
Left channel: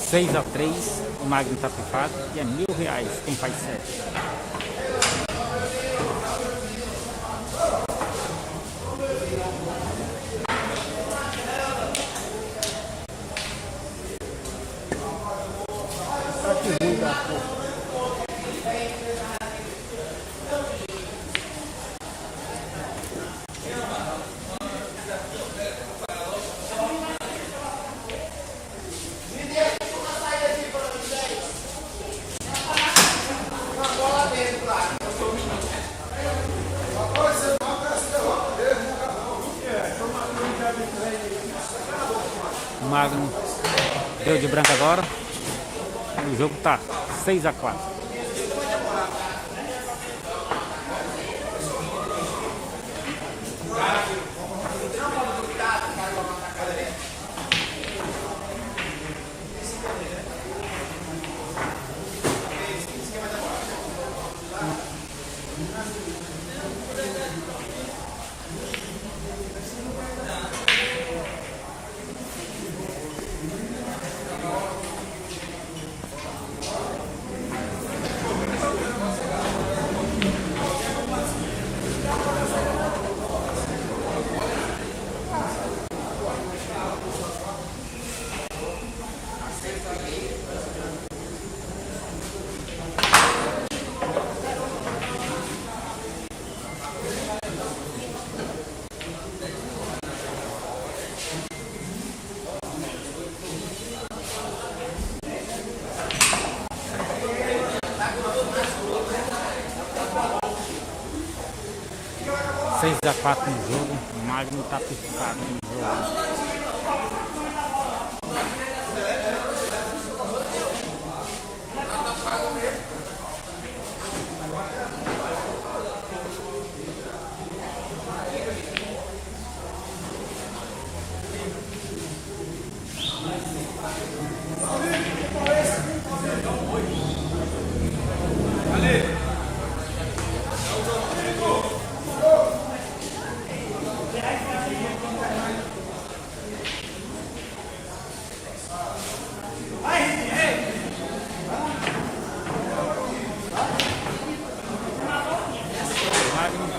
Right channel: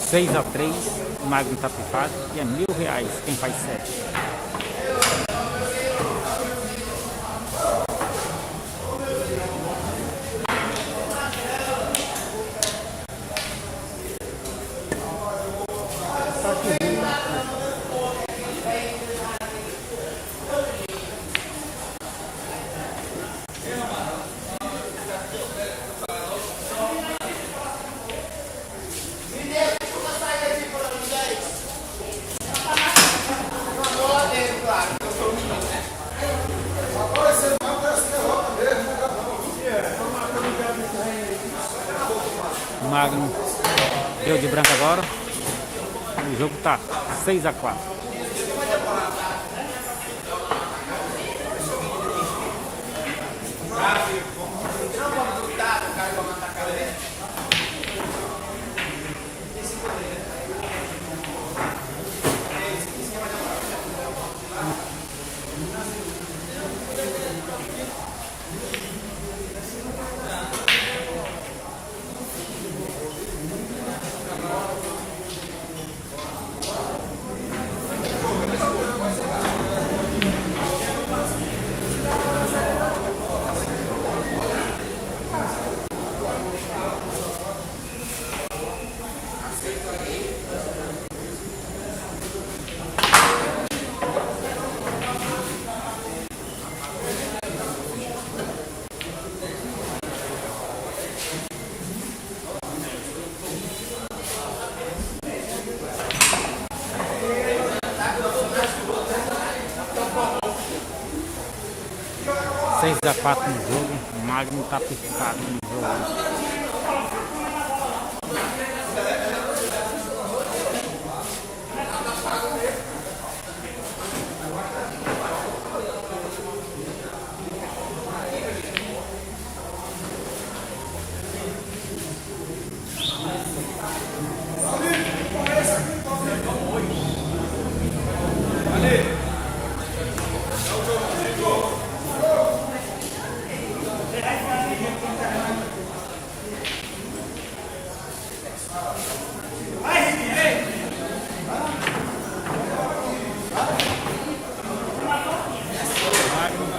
Seis a 3, o Magno tá pifado e é R$1.000 quem faz 7. O Magno deu de branco agora. O jogo tá 6 a 4. Seis a 4 no jogo, o Magno tá picado no jogo.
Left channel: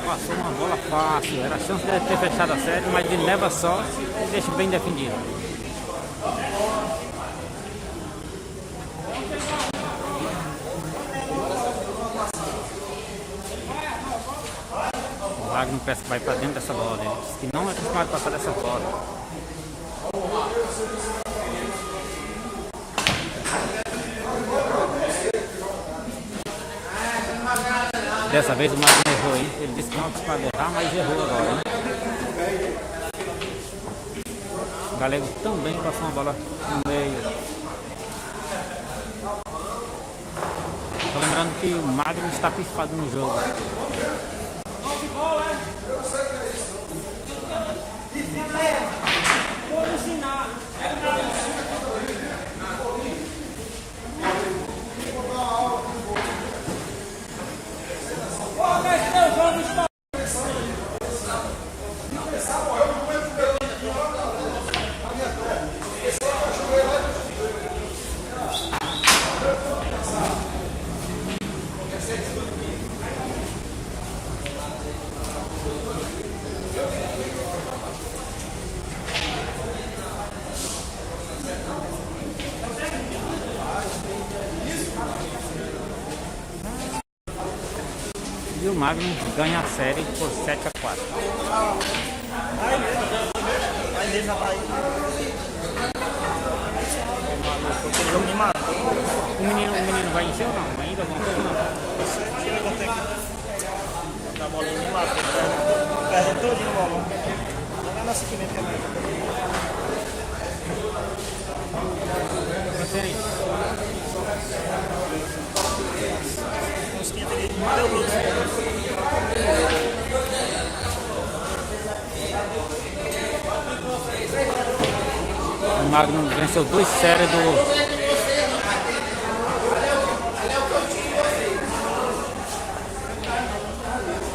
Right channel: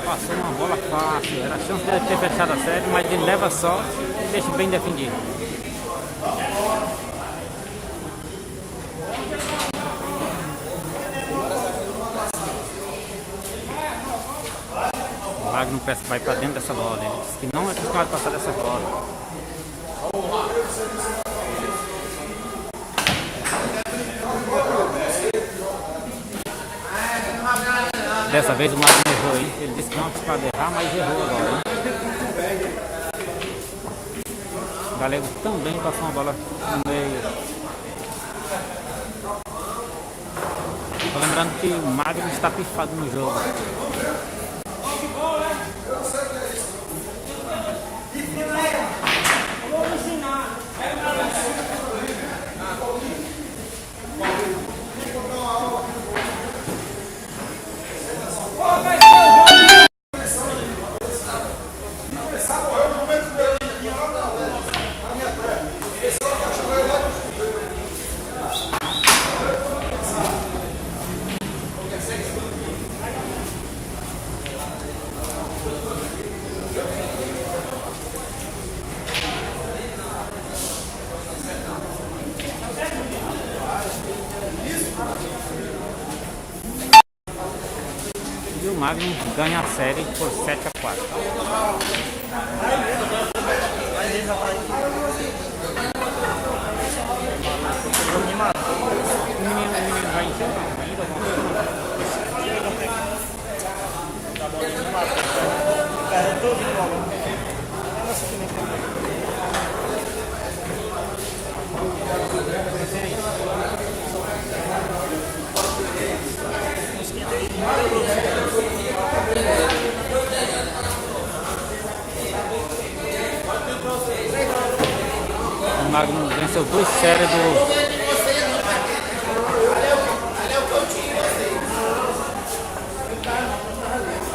Passou uma bola fácil, era a chance de ter fechado a série, mas ele leva sorte e deixa bem defendido. O Magno parece que vai para dentro dessa bola, ele disse que não é acostumado a passar dessa bola. Dessa vez o Magno errou, hein? Ele disse que não pode errar, mas errou agora, hein? O Galego também passou uma bola no meio. Tô lembrando que o Magno está pifado no jogo. E o Magnum ganha a série por 7-4. O menino vai encher ainda alguma O Magnum venceu 2 séries do...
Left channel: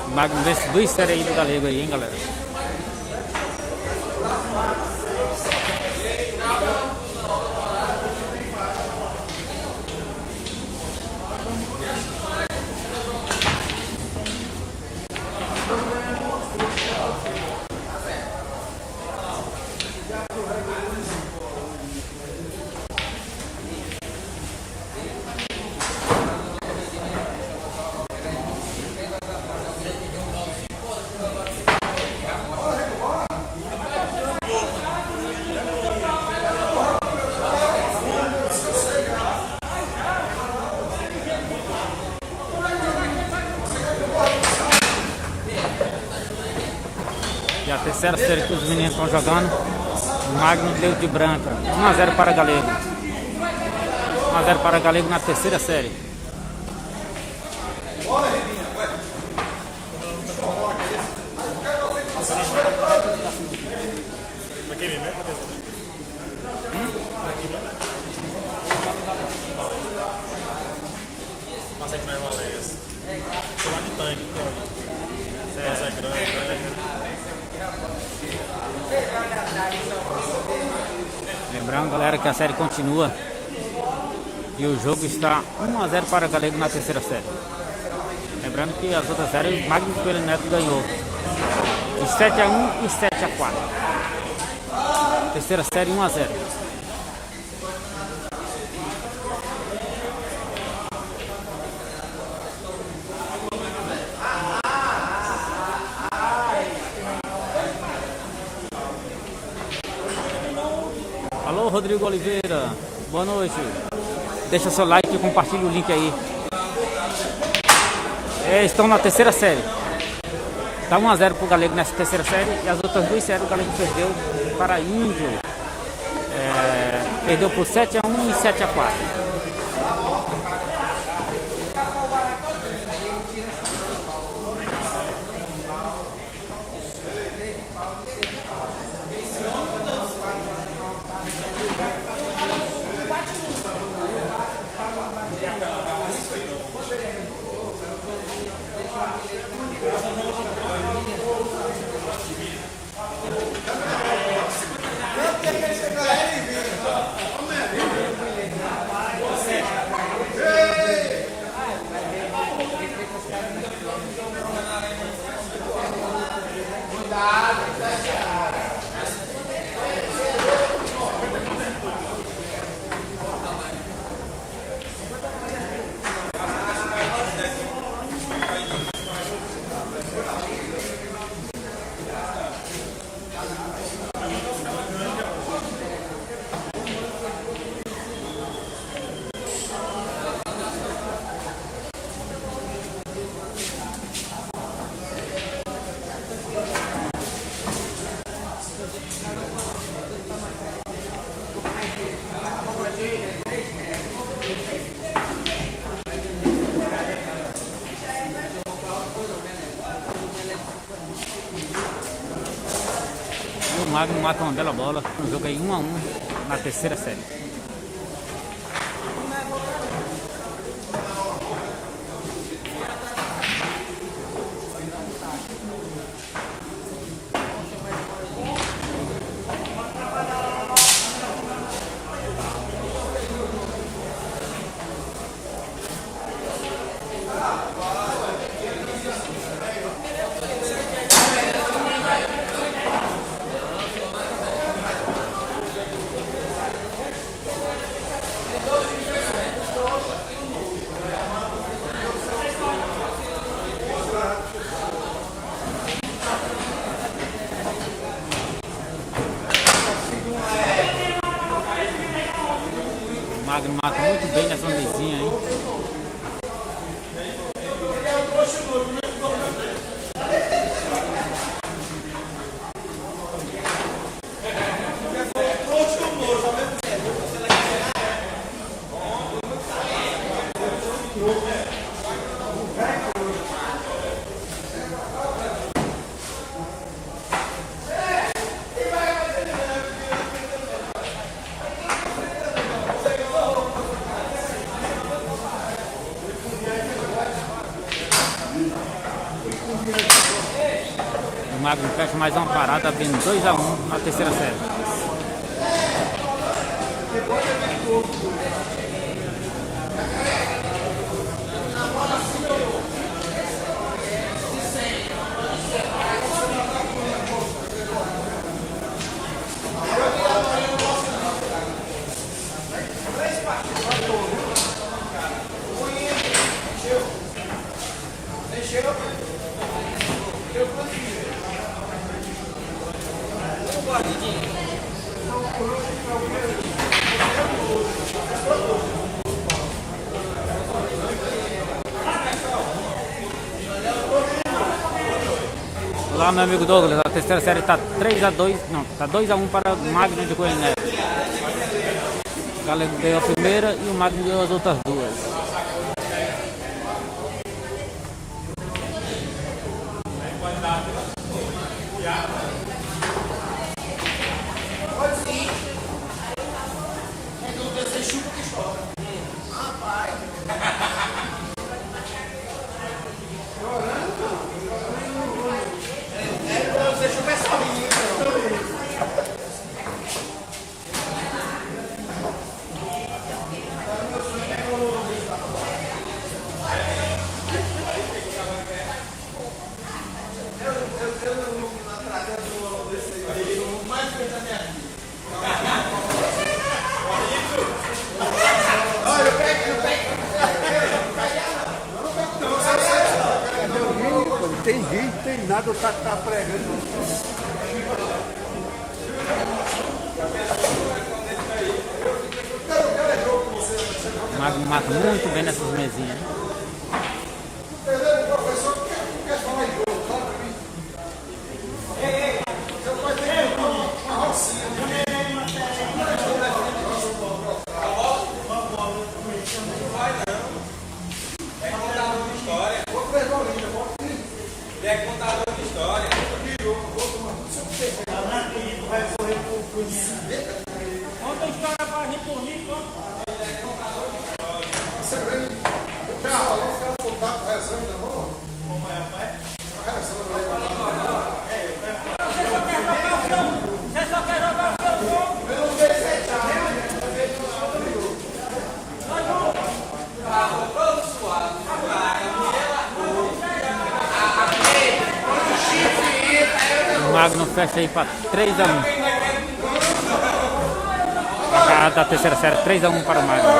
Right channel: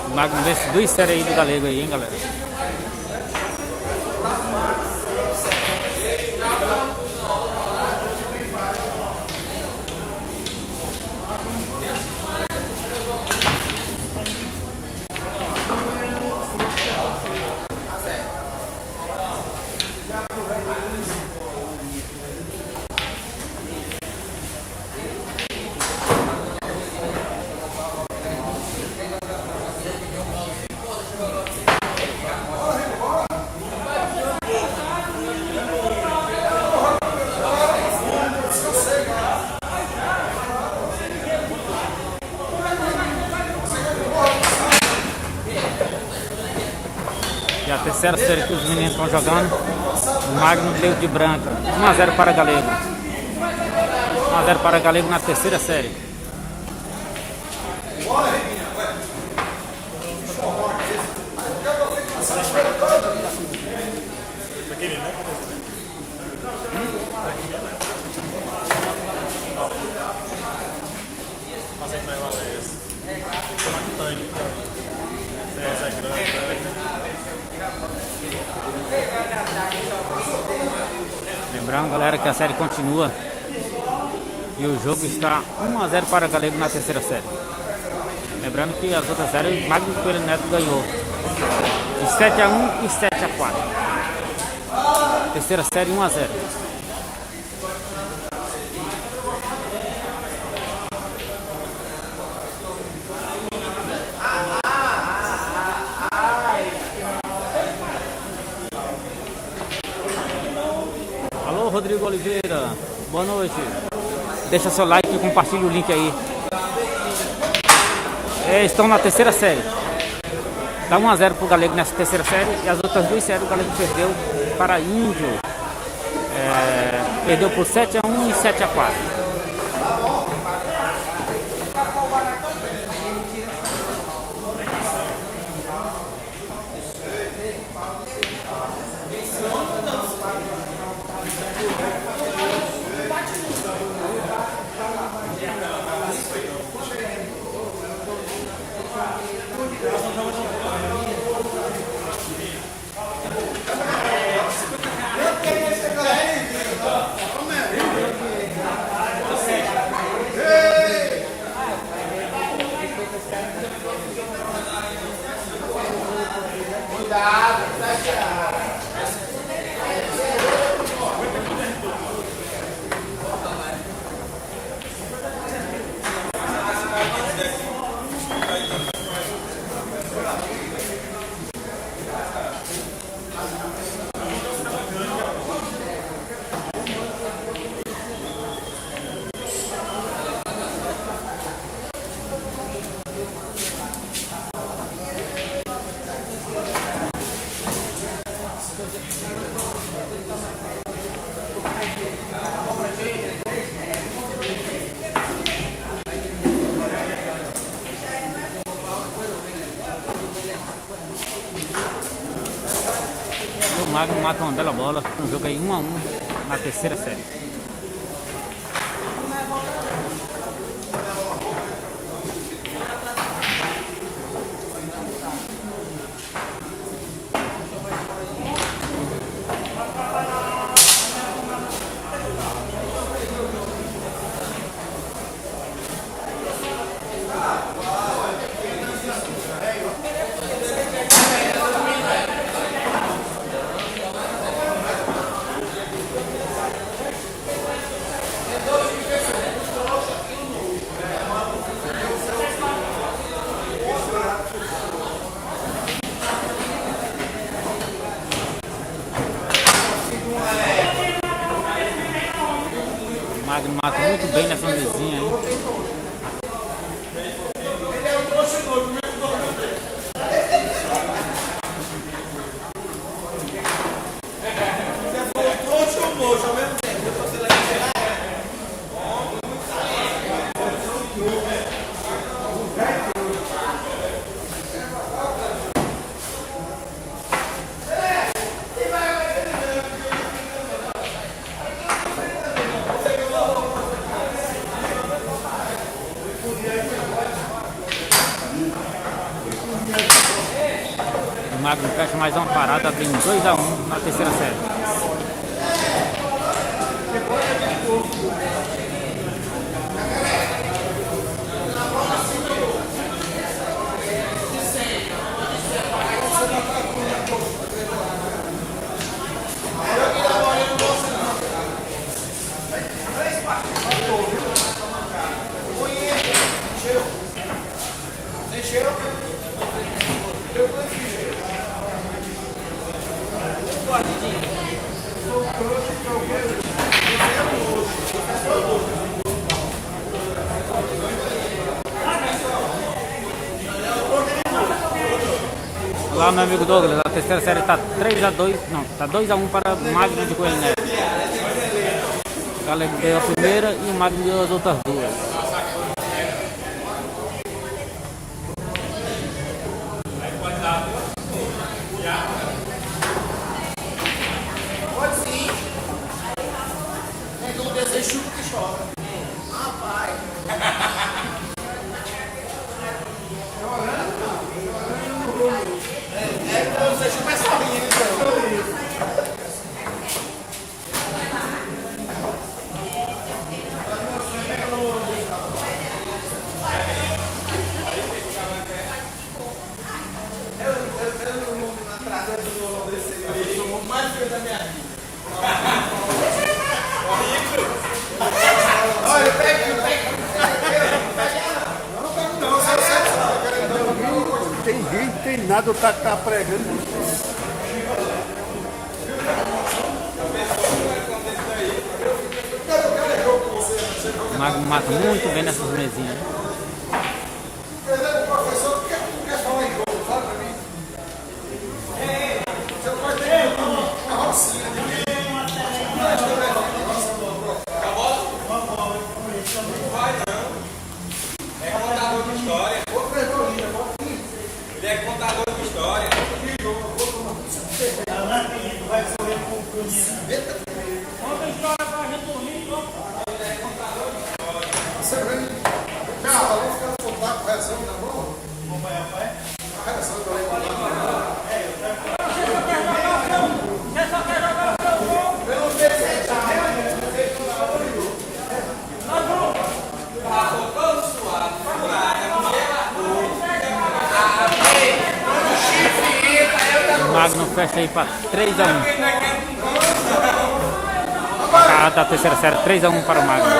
O Magnum vence 2 séries aí do Galego aí, hein, galera? E a terceira série que os meninos estão jogando, o Magno deu de branca, 1-0 para Galego. 1-0 para Galego na terceira série. Lembrando, galera, que a série continua e o jogo está 1-0 para Galego na terceira série. Lembrando que as outras séries o Magno Coelho Neto ganhou de 7-1 e 7-4. Terceira série 1-0. Alô, Rodrigo Oliveira, boa noite. Deixa seu like e compartilhe o link aí. Estão na terceira série. Tá 1-0 pro Galego nessa terceira série. E as outras 2 séries o Galego perdeu para Índio. Perdeu por 7-1 e 7-4. O Magno mata uma bela bola no jogo aí 1-1 na terceira série. Magno mata muito bem nessa mesinha aí. O Magno fecha mais uma parada, abrindo 2-1 na terceira série. Olá, meu amigo Douglas, a terceira série está 3-2, não, está 2-1 para o Magno de Coelho Neto. O Galego deu a primeira e o Magno deu as outras duas. Tem vídeo, tem nada, o cara tá pregando. O Magno mata muito bem nessas mesinhas. O Magno fecha aí para 3-1. A da terceira série, 3-1 para o Magno.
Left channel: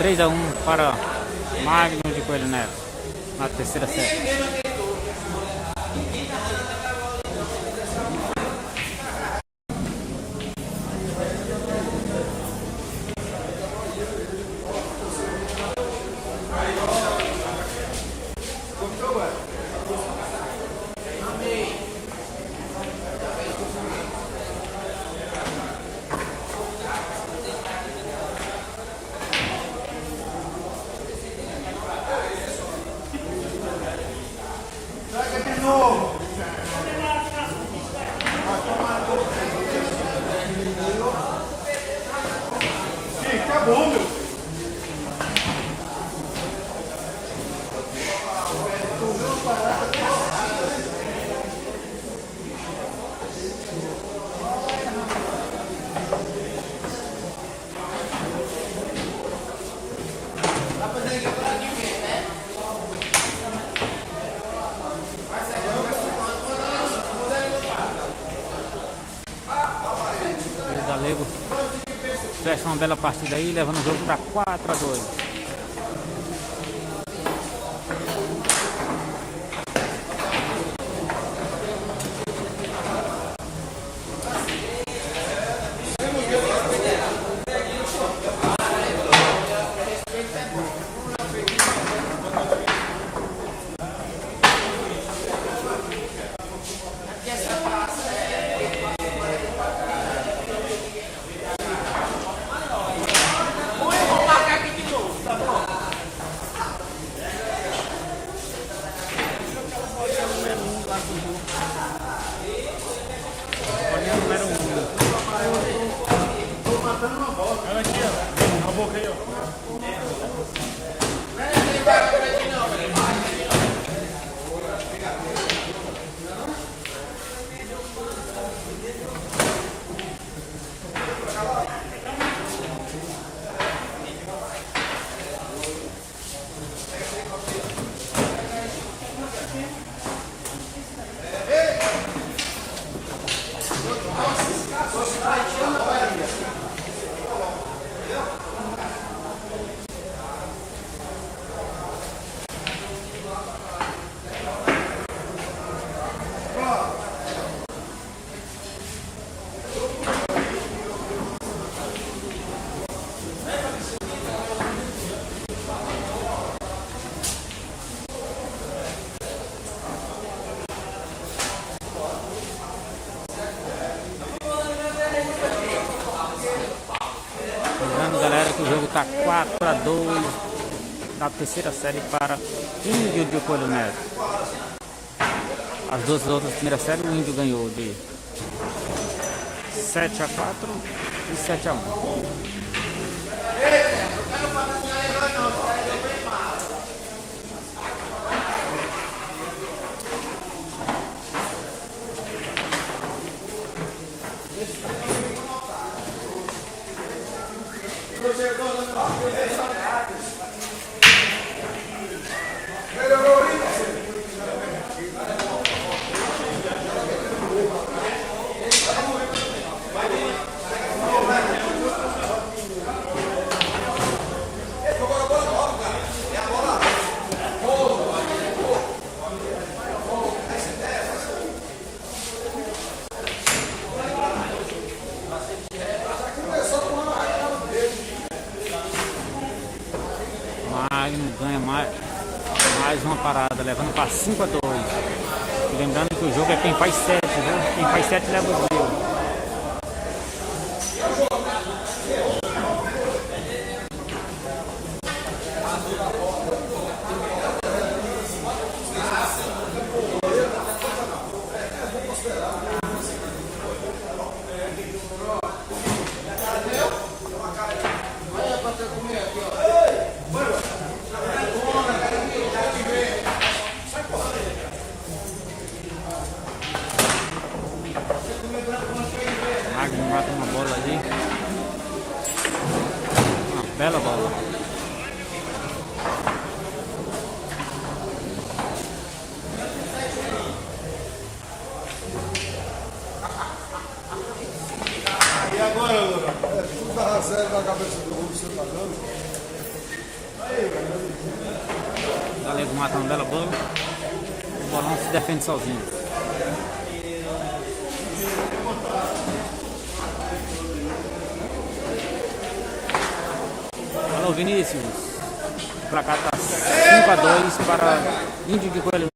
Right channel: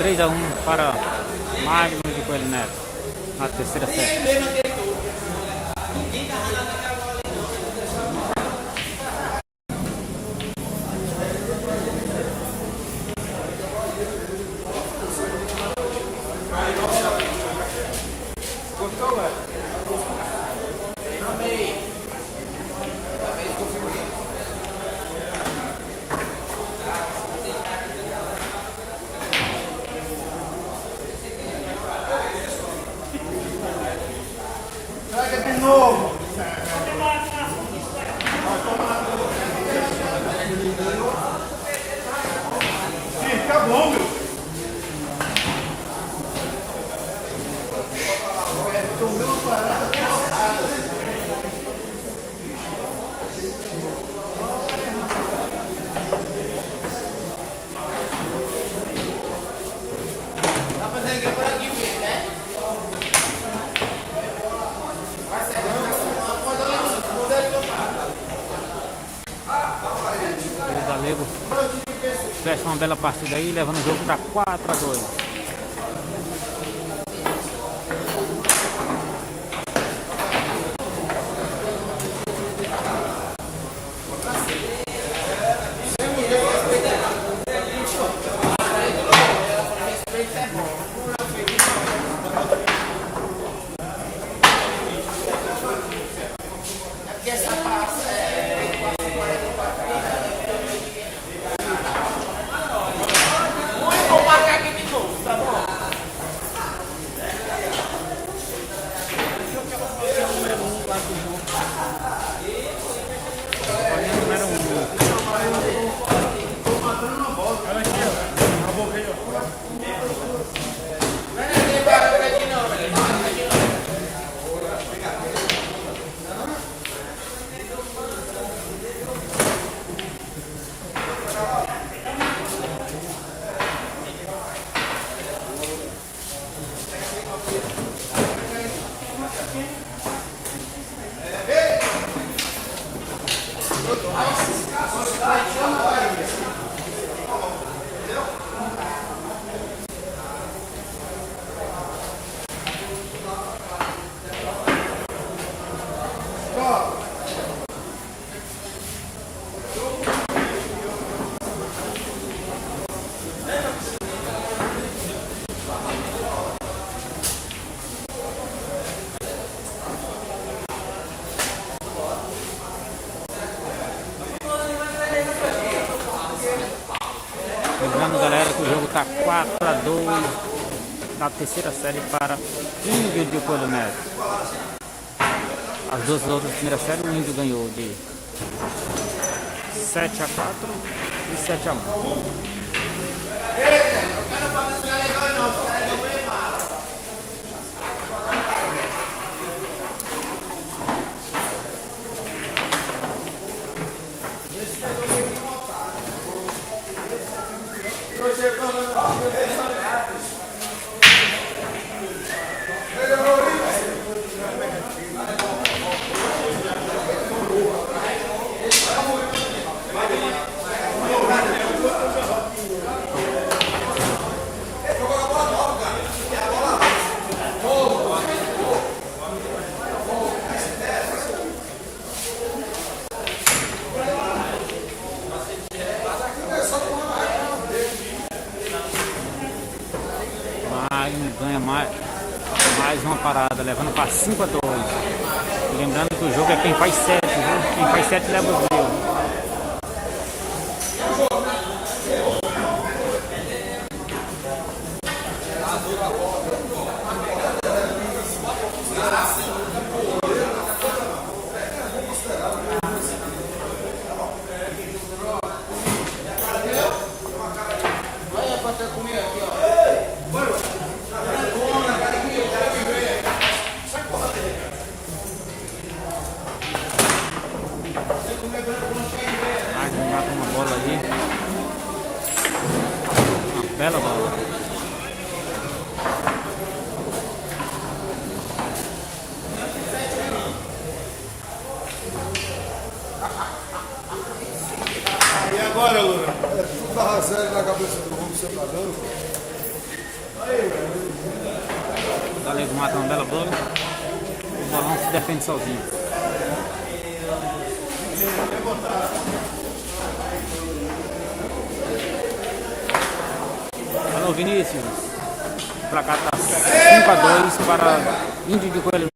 3-1 para Magno de Coelho Neto, na terceira série. O Galego fecha uma bela partida aí, levando o jogo para 4-2. Lembrando, galera, que o jogo está 4-2 na terceira série para Índio de Coelho Neto. As duas outras primeiras séries, o Índio ganhou de 7-4 e 7-1. Magno ganha mais uma parada, levando para 5-2. E lembrando que o jogo é quem faz 7, viu? Quem faz 7 leva os gols. Mata uma bola ali. Uma bela bola. E agora, Lula? É tudo carro sério na cabeça do mundo, seu padrão. O galego mata uma bela bola. O bolão se defende sozinho. Alô, Vinícius. O placar tá 5-2 para Índio de Coelho.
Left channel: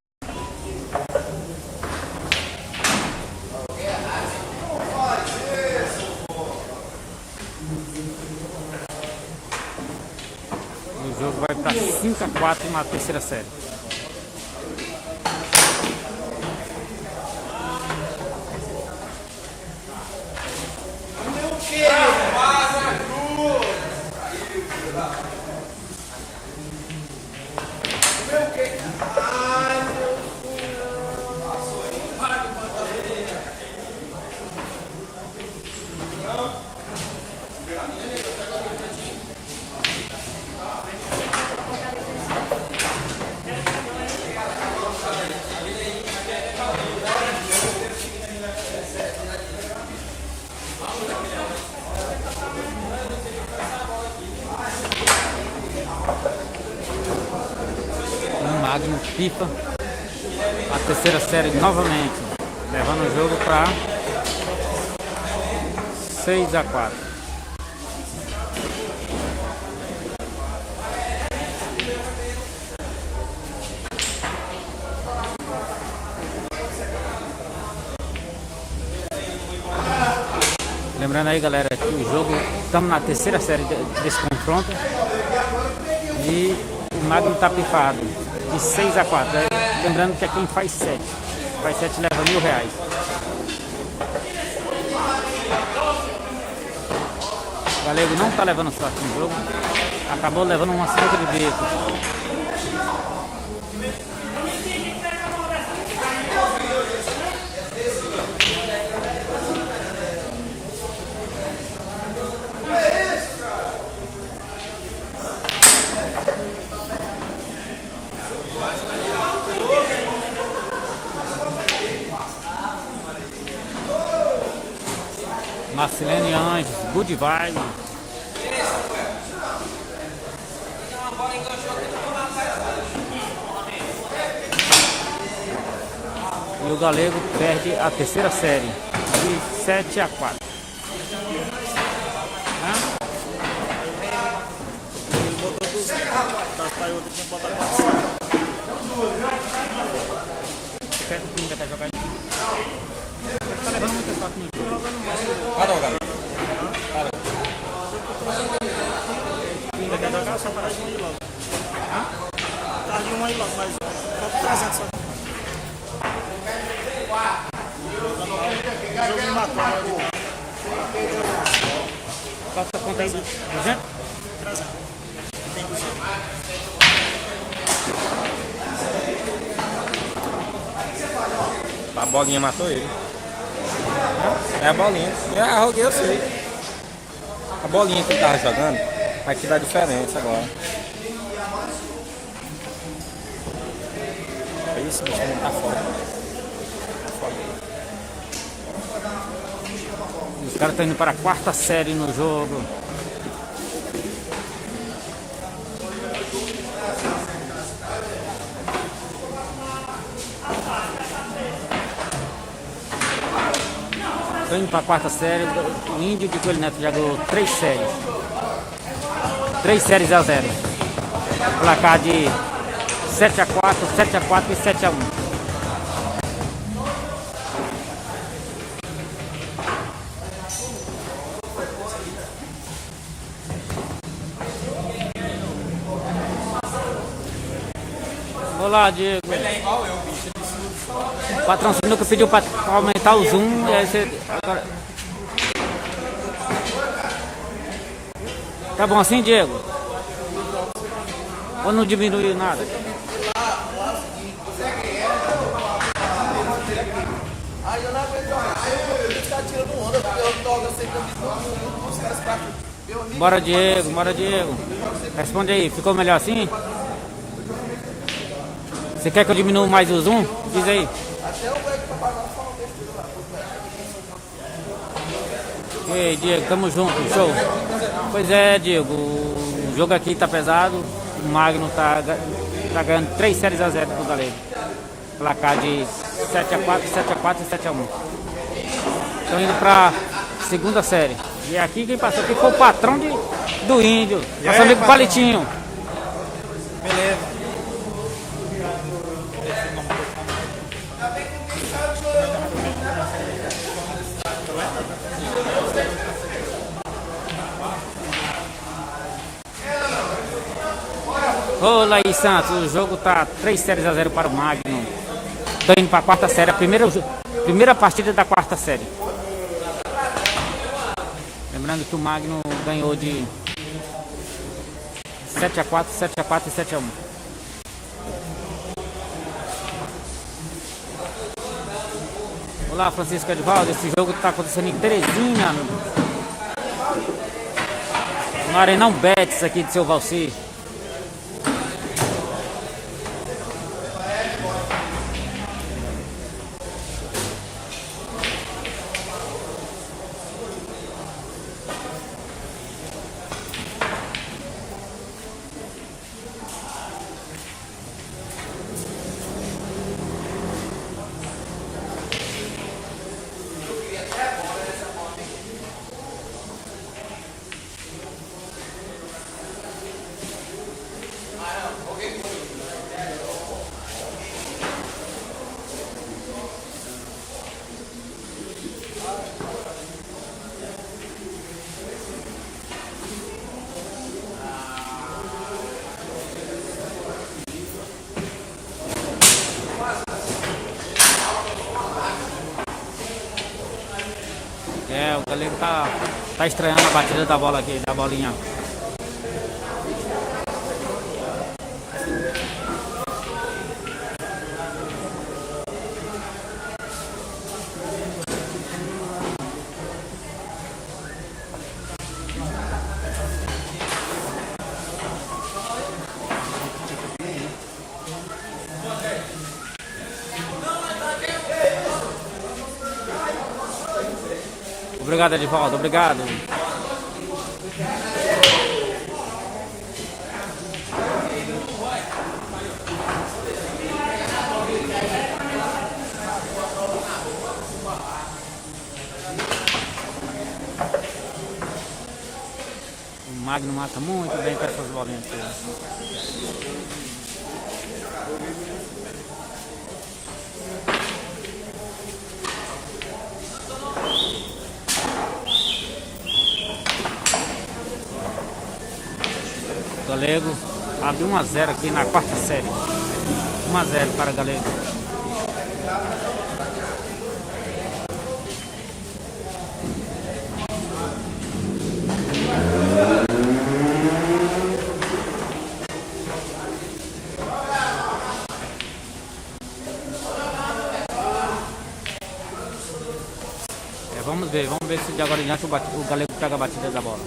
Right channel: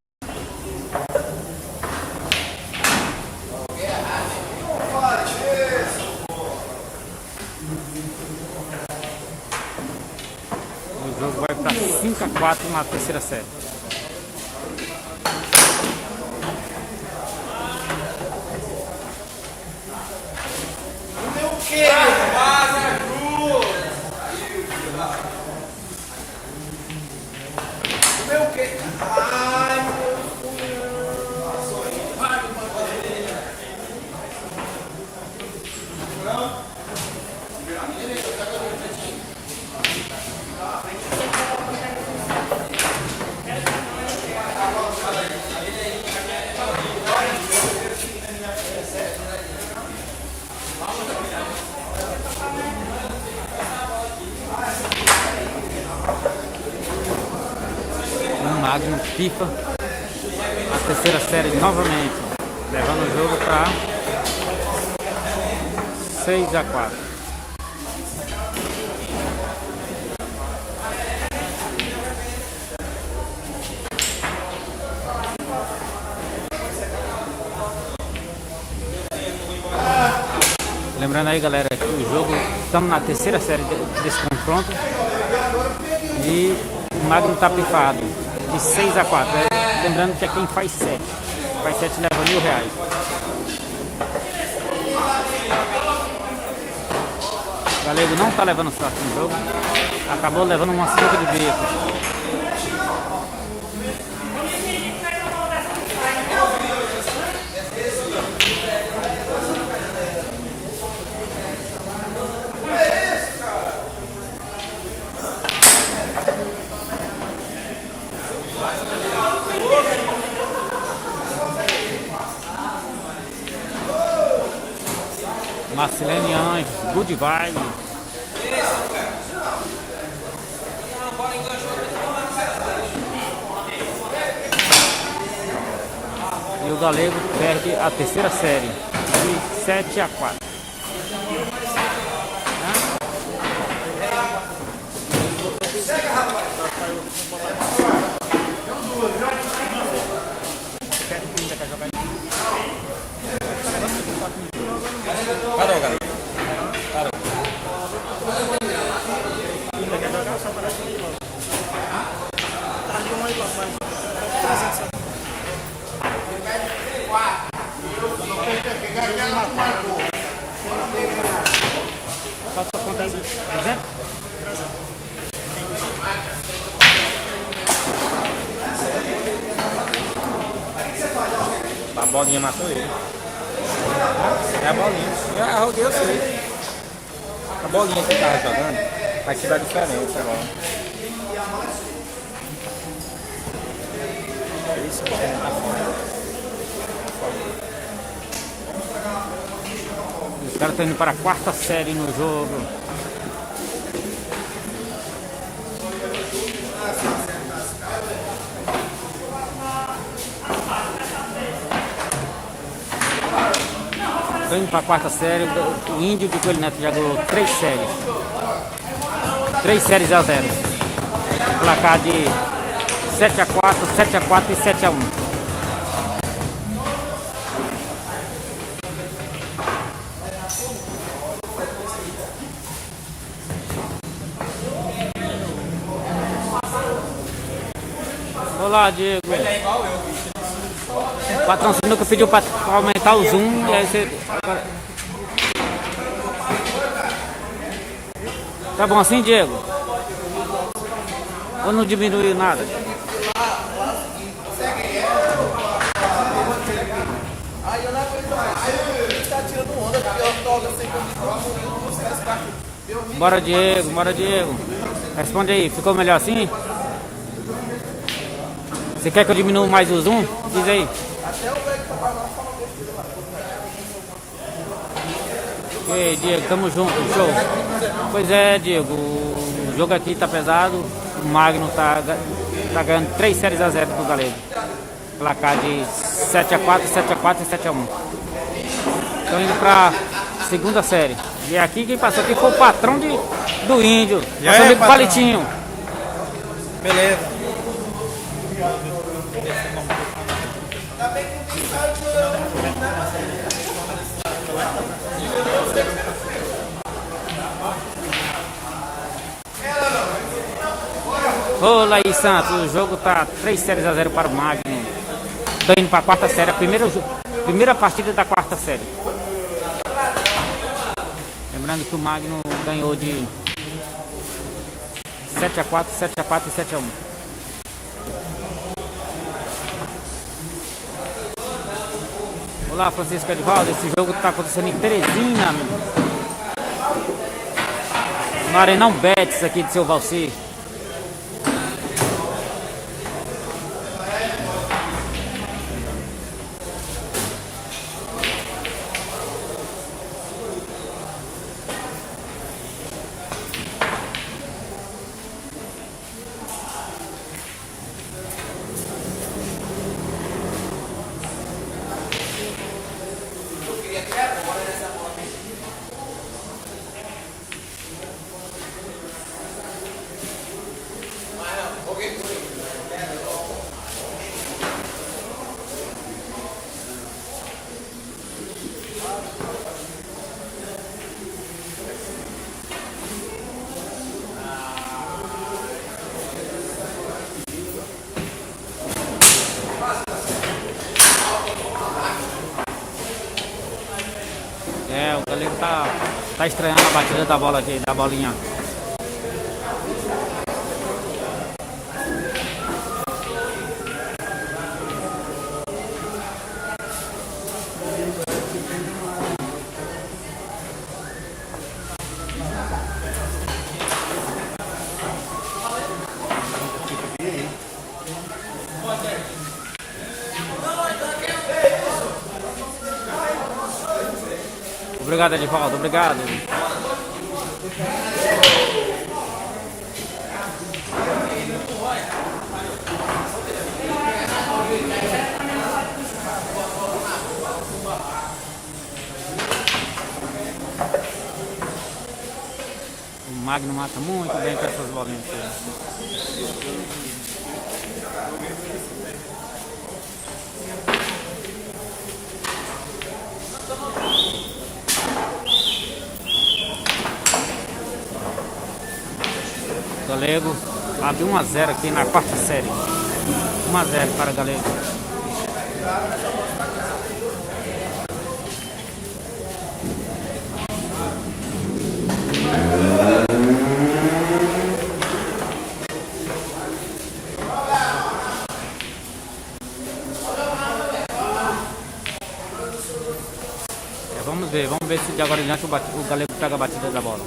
O jogo vai para 5-4 na terceira série. Magno FIFA a terceira série novamente, levando o jogo para 6-4. Lembrando aí, galera, que o jogo, estamos na terceira série desse confronto e o Magno tá pifado de 6-4. Lembrando que é quem faz 7. Faz 7 leva R$1.000. O galego não tá levando sorte no jogo. Acabou levando uma sinuca de bico. Marcelene Anjos, good vibe. E o galego perde a terceira série de 7-4. Parou, galera. Parou. Passa a conta aí de 200? A bolinha matou ele. É a bolinha. É, arroguei, eu sei. A bolinha que ele tava jogando vai te dar diferença agora. Isso, bicho, tá fora. Os caras estão indo para a quarta série no jogo. Estão indo para a quarta série. O Índio de Coelho Neto já ganhou 3 séries. 3 séries a 0. Placar de 7-4, 7-4 e 7-1. Olá, Diego. O patrão Sinuca pediu para aumentar o zoom. E aí você... Agora... Tá bom assim, Diego? Ou não diminuiu nada? Bora, Diego, bora, Diego. Responde aí, ficou melhor assim? Você quer que eu diminua mais o zoom? Diz aí. Ei, Diego, tamo junto, show. Pois é, Diego, o jogo aqui tá pesado. O Magno tá ganhando 3 séries a 0 pro Galego. Placar de 7-4, 7-4 e 7-1. Estão indo pra segunda série. E aqui quem passou aqui foi o patrão do Índio. Nosso amigo Palitinho. Beleza. Ô Laís Santos, o jogo tá 3 séries a 0 para o Magno. Estão indo para a quarta série, a primeira partida da quarta série. Lembrando que o Magno ganhou de 7-4, 7-4 e 7-1. Olá, Francisco Edivaldo. Esse jogo está acontecendo em Teresina, no Arenão Betis aqui de Seu Valci. O Galego tá estranhando a batida da bola aqui, da bolinha. Obrigado, Edivaldo, obrigado. O Magno mata muito bem com essas bolinhas aqui. Galego abre 1-0 aqui na quarta série. 1-0 para Galego. Vamos ver se de agora em diante o Galego pega a batida da bola.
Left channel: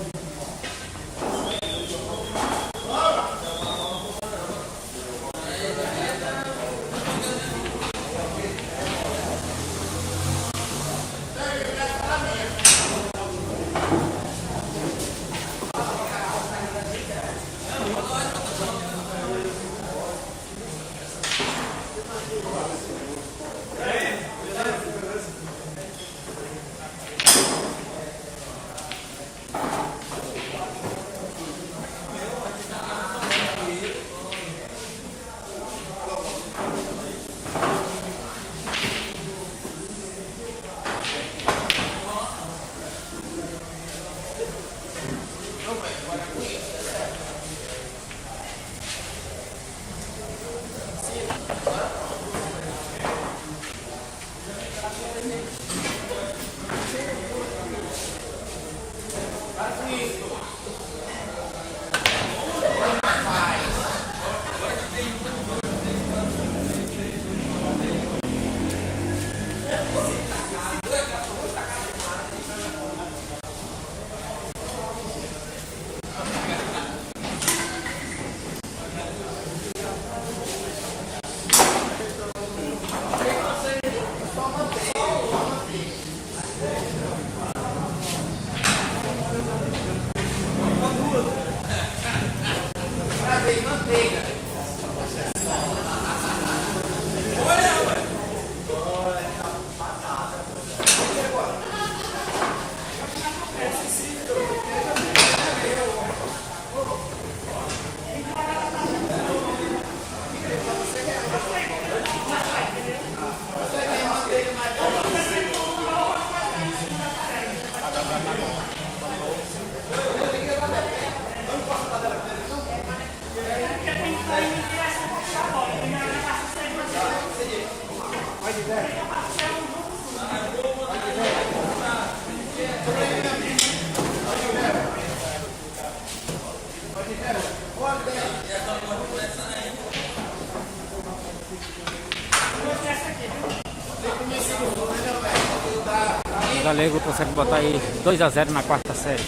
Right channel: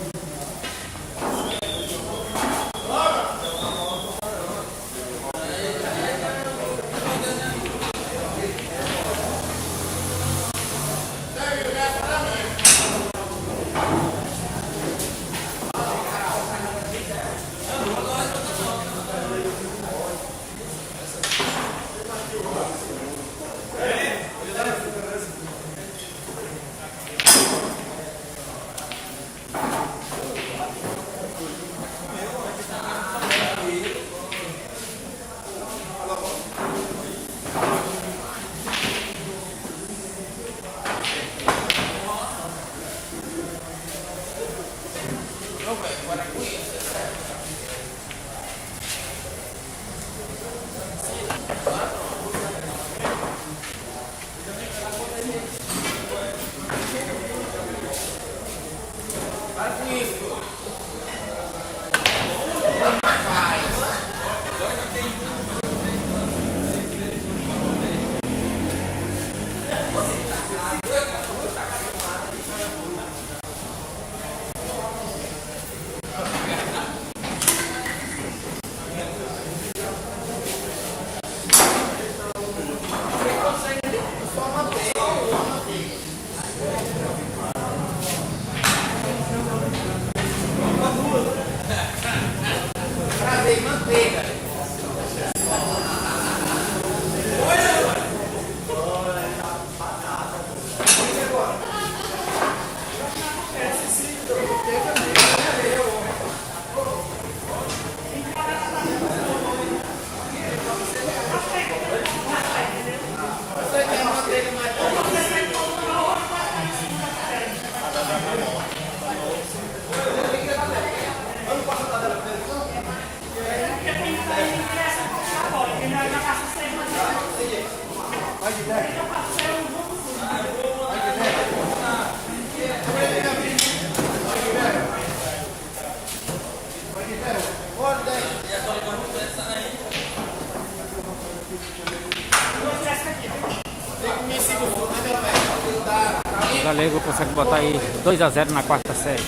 Galego consegue botar aí 2-0 na quarta série.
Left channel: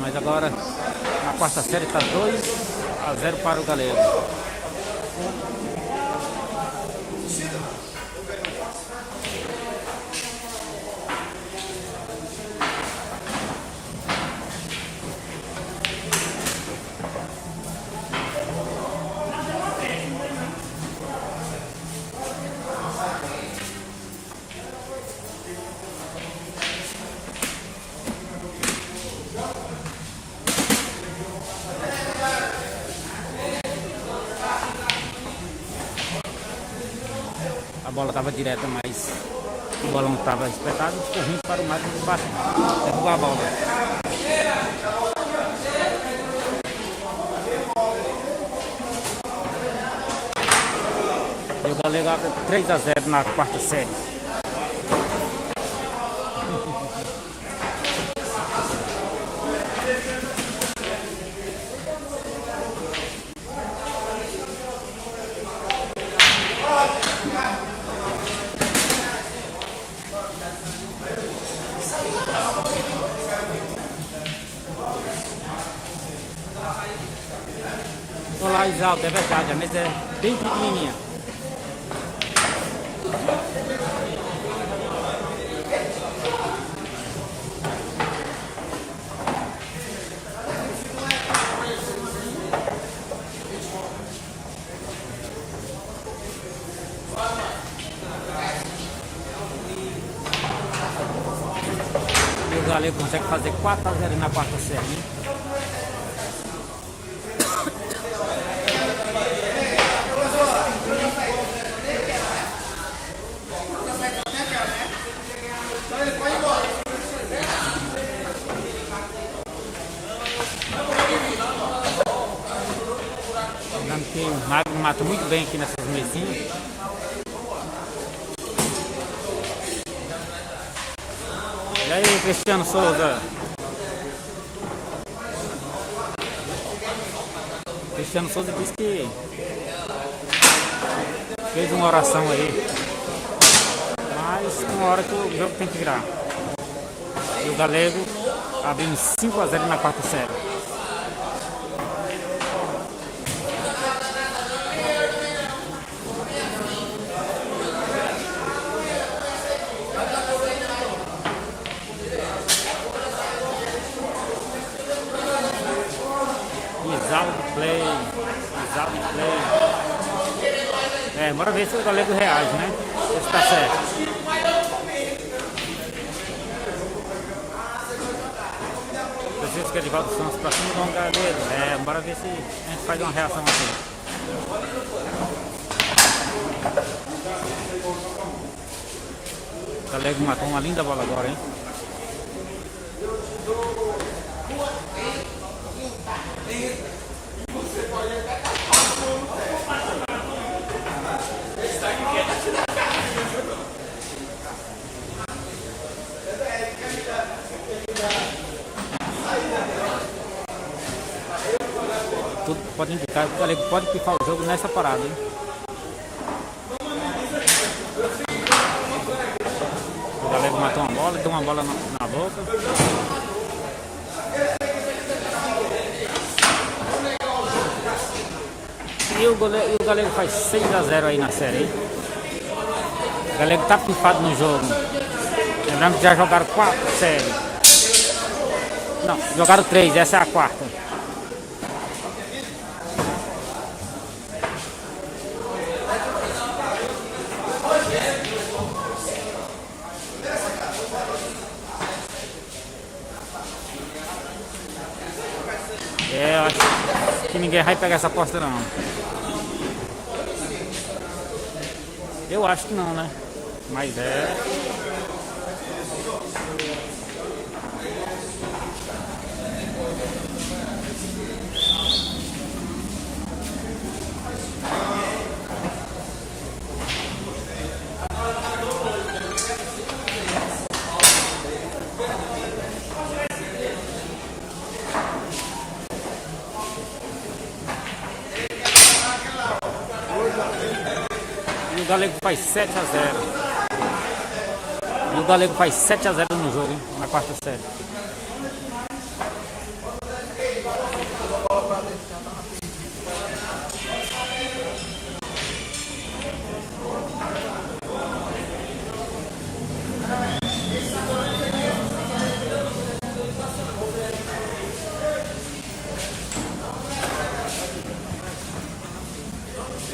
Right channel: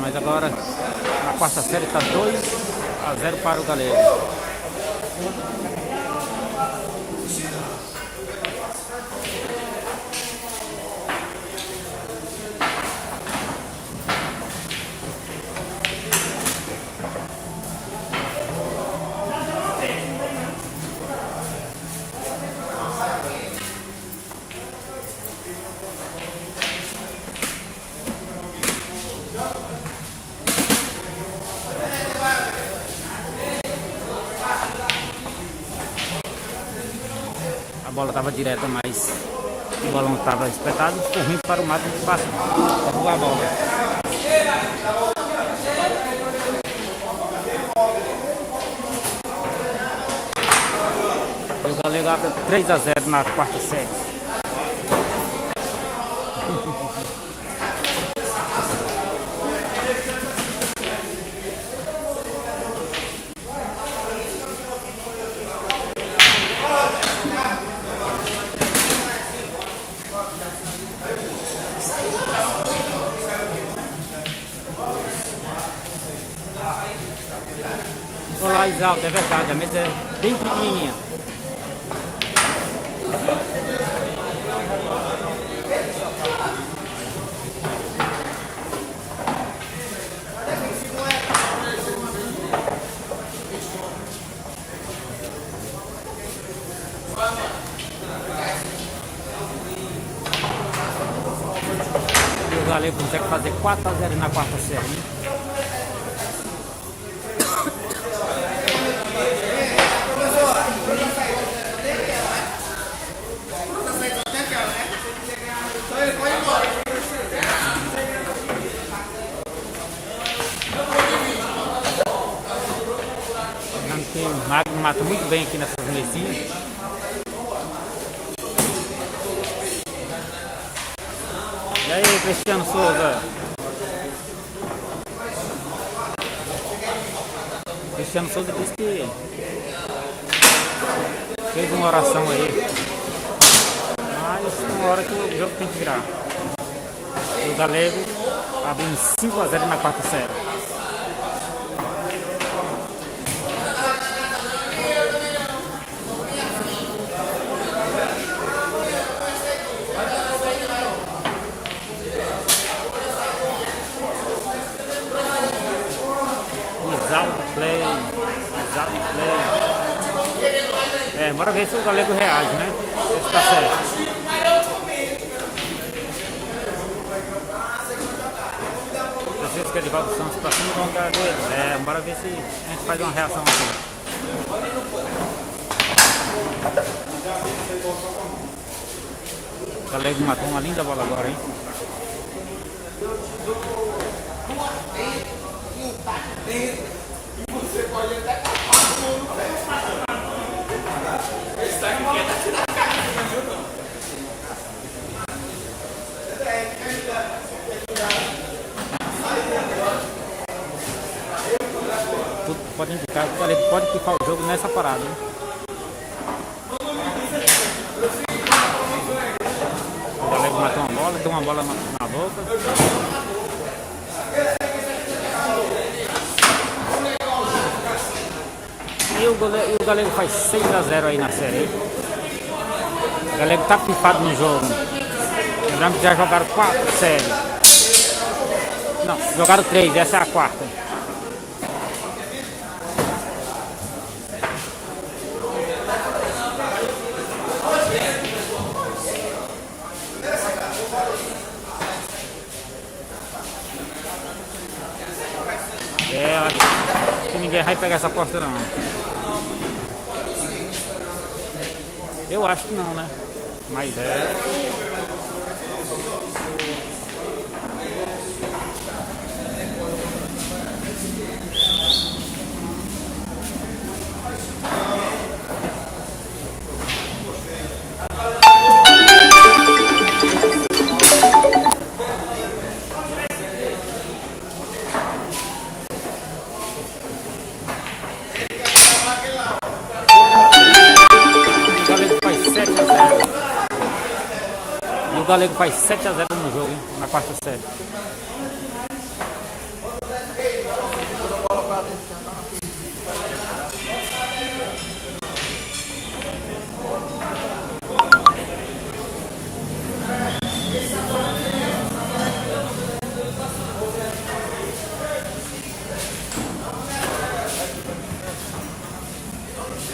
Mas agora na quarta série está 2-0 para o Galego. A bola estava direta, mas o balão estava espetado, ficou ruim para o Mato de baixo derrubar a bola. O Galego abre 3-0 na quarta série. Olá, Isaldo, é verdade, a mesa é bem pequenininha. E o Galego consegue fazer 4-0 na quarta série, hein? O Magno mata muito bem aqui nessas mesinhas. E aí, Cristiano Souza? Cristiano Souza disse que fez uma oração aí, mas tem uma hora que o jogo tem que virar. E o Galego abrindo 5-0 na quarta série. Play. Bora ver se o Galego reage, né? Se tá certo. Preciso que ele vá pro Santos pra cima do Galego. Bora ver se a gente faz uma reação aqui. O Galego matou uma linda bola agora, hein? Tudo pode indicar que o Galego pode pifar o jogo nessa parada, né? O Galego matou uma bola, deu uma bola na boca. E o Galego faz 6-0 aí na série. O Galego tá pifado no jogo. Lembrando que já jogaram 4 séries. Não, jogaram 3, essa é a quarta. É, eu acho que ninguém vai pegar essa aposta não. Eu acho que não, né? Mas é. O Galego faz 7-0. E o Galego faz 7-0 no jogo, hein? Na quarta série.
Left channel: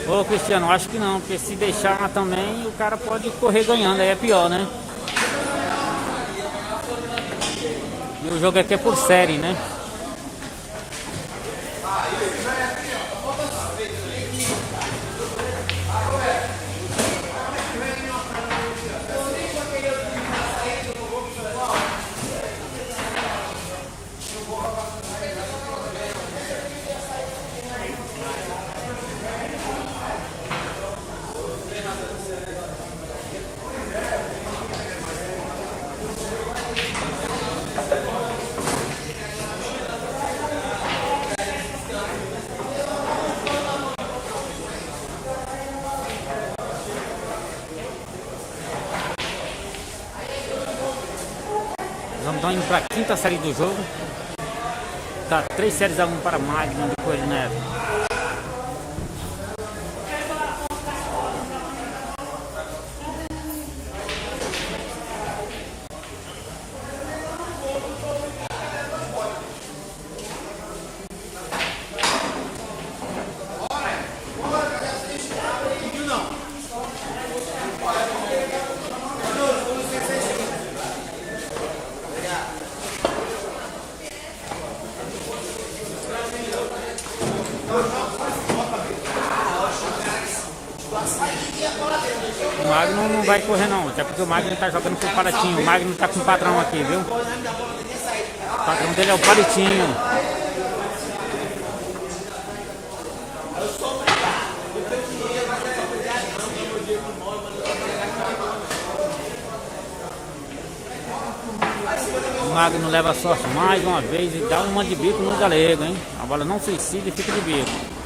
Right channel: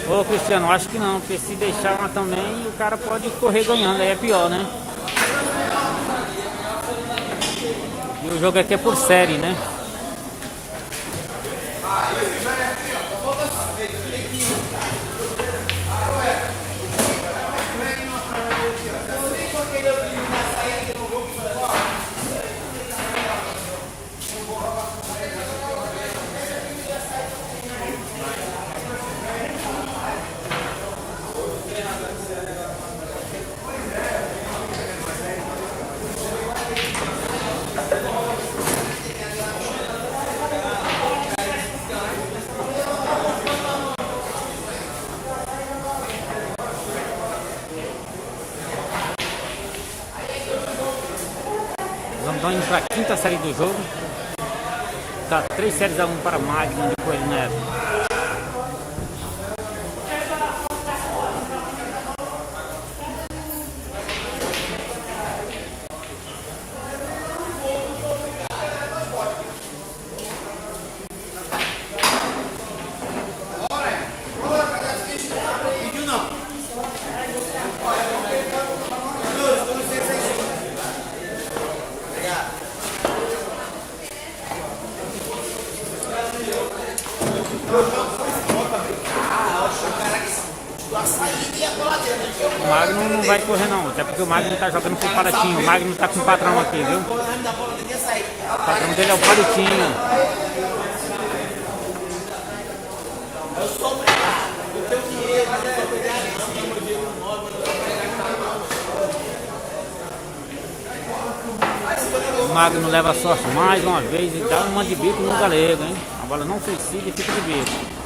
Ô Cristiano, acho que não, porque se deixar lá também o cara pode correr ganhando, aí é pior, né? E o jogo aqui é por série, né? Vamos indo para a quinta série do jogo. Tá 3-1 para Magno de Coelho Neto. O Magno não vai correr não, até porque o Magno tá jogando pro Palitinho. O Magno tá com o patrão aqui, viu? O patrão dele é o Palitinho. O Magno leva a sorte mais uma vez e dá uma de bico no Galego, hein? A bola não suicida e fica de bico.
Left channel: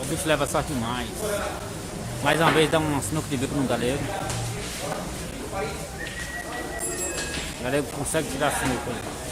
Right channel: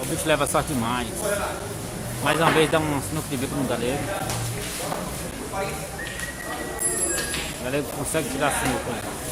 O bicho leva sorte demais. Mais uma vez dá um sinuca de bico no Galego. O Galego consegue tirar a sinuca aí.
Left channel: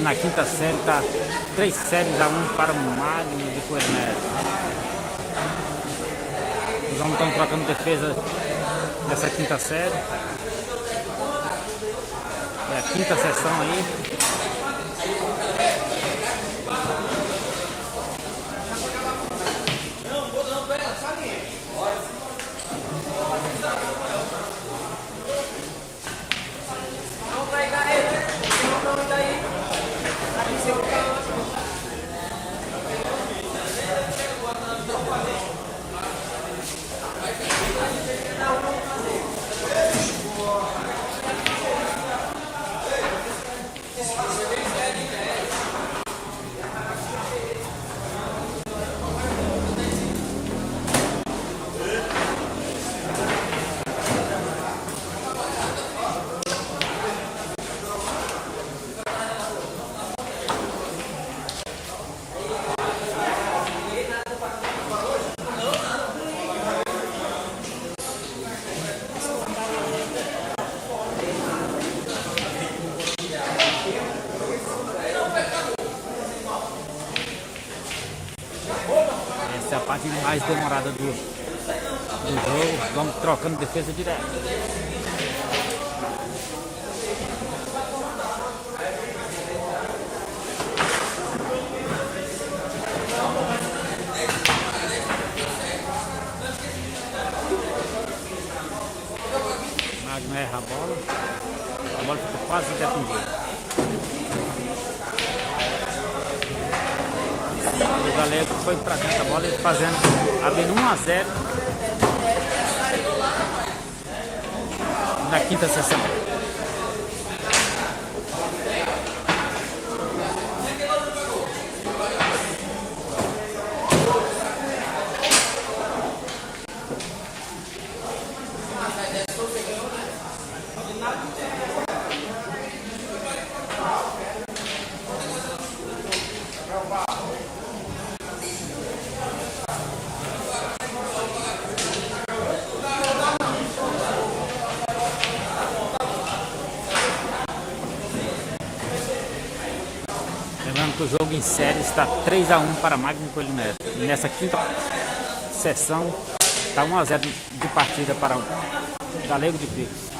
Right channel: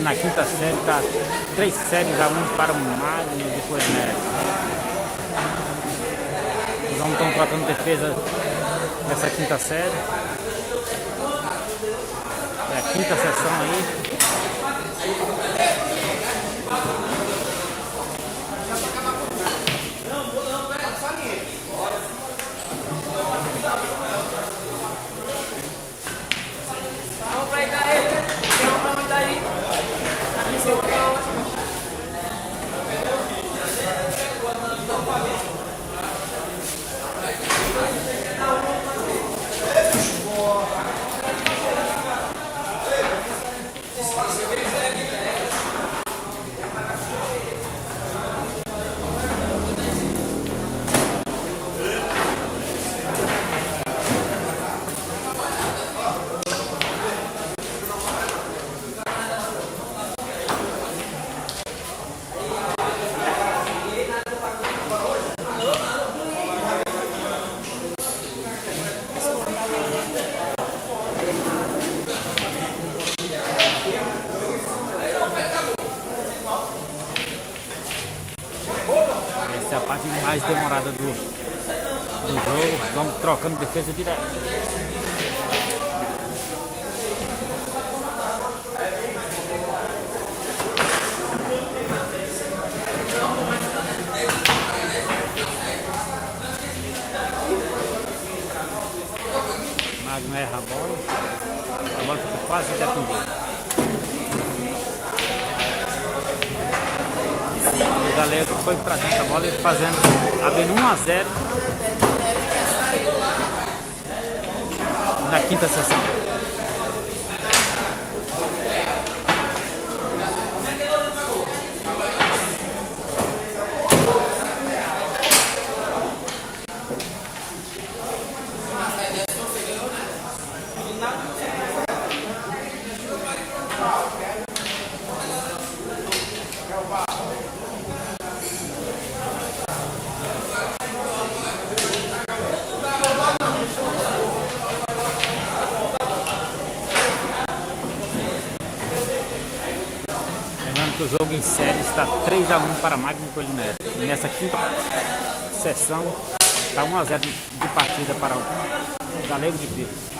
na quinta série, tá 3 séries a 1 para o Magno de Coelho Neto. Os homens estão trocando defesa dessa quinta série. É a quinta sessão aí. Essa é a parte mais demorada do jogo. Vamos trocando defesa direto. Magno erra a bola fica quase defendida. O Galego foi pra dentro da bola, ele abrindo 1-0 na quinta sessão. Lembrando que o jogo em série está 3-1 para Magno de Coelho Neto. E nessa quinta sessão está 1-0 de partida para o Galego de Picos.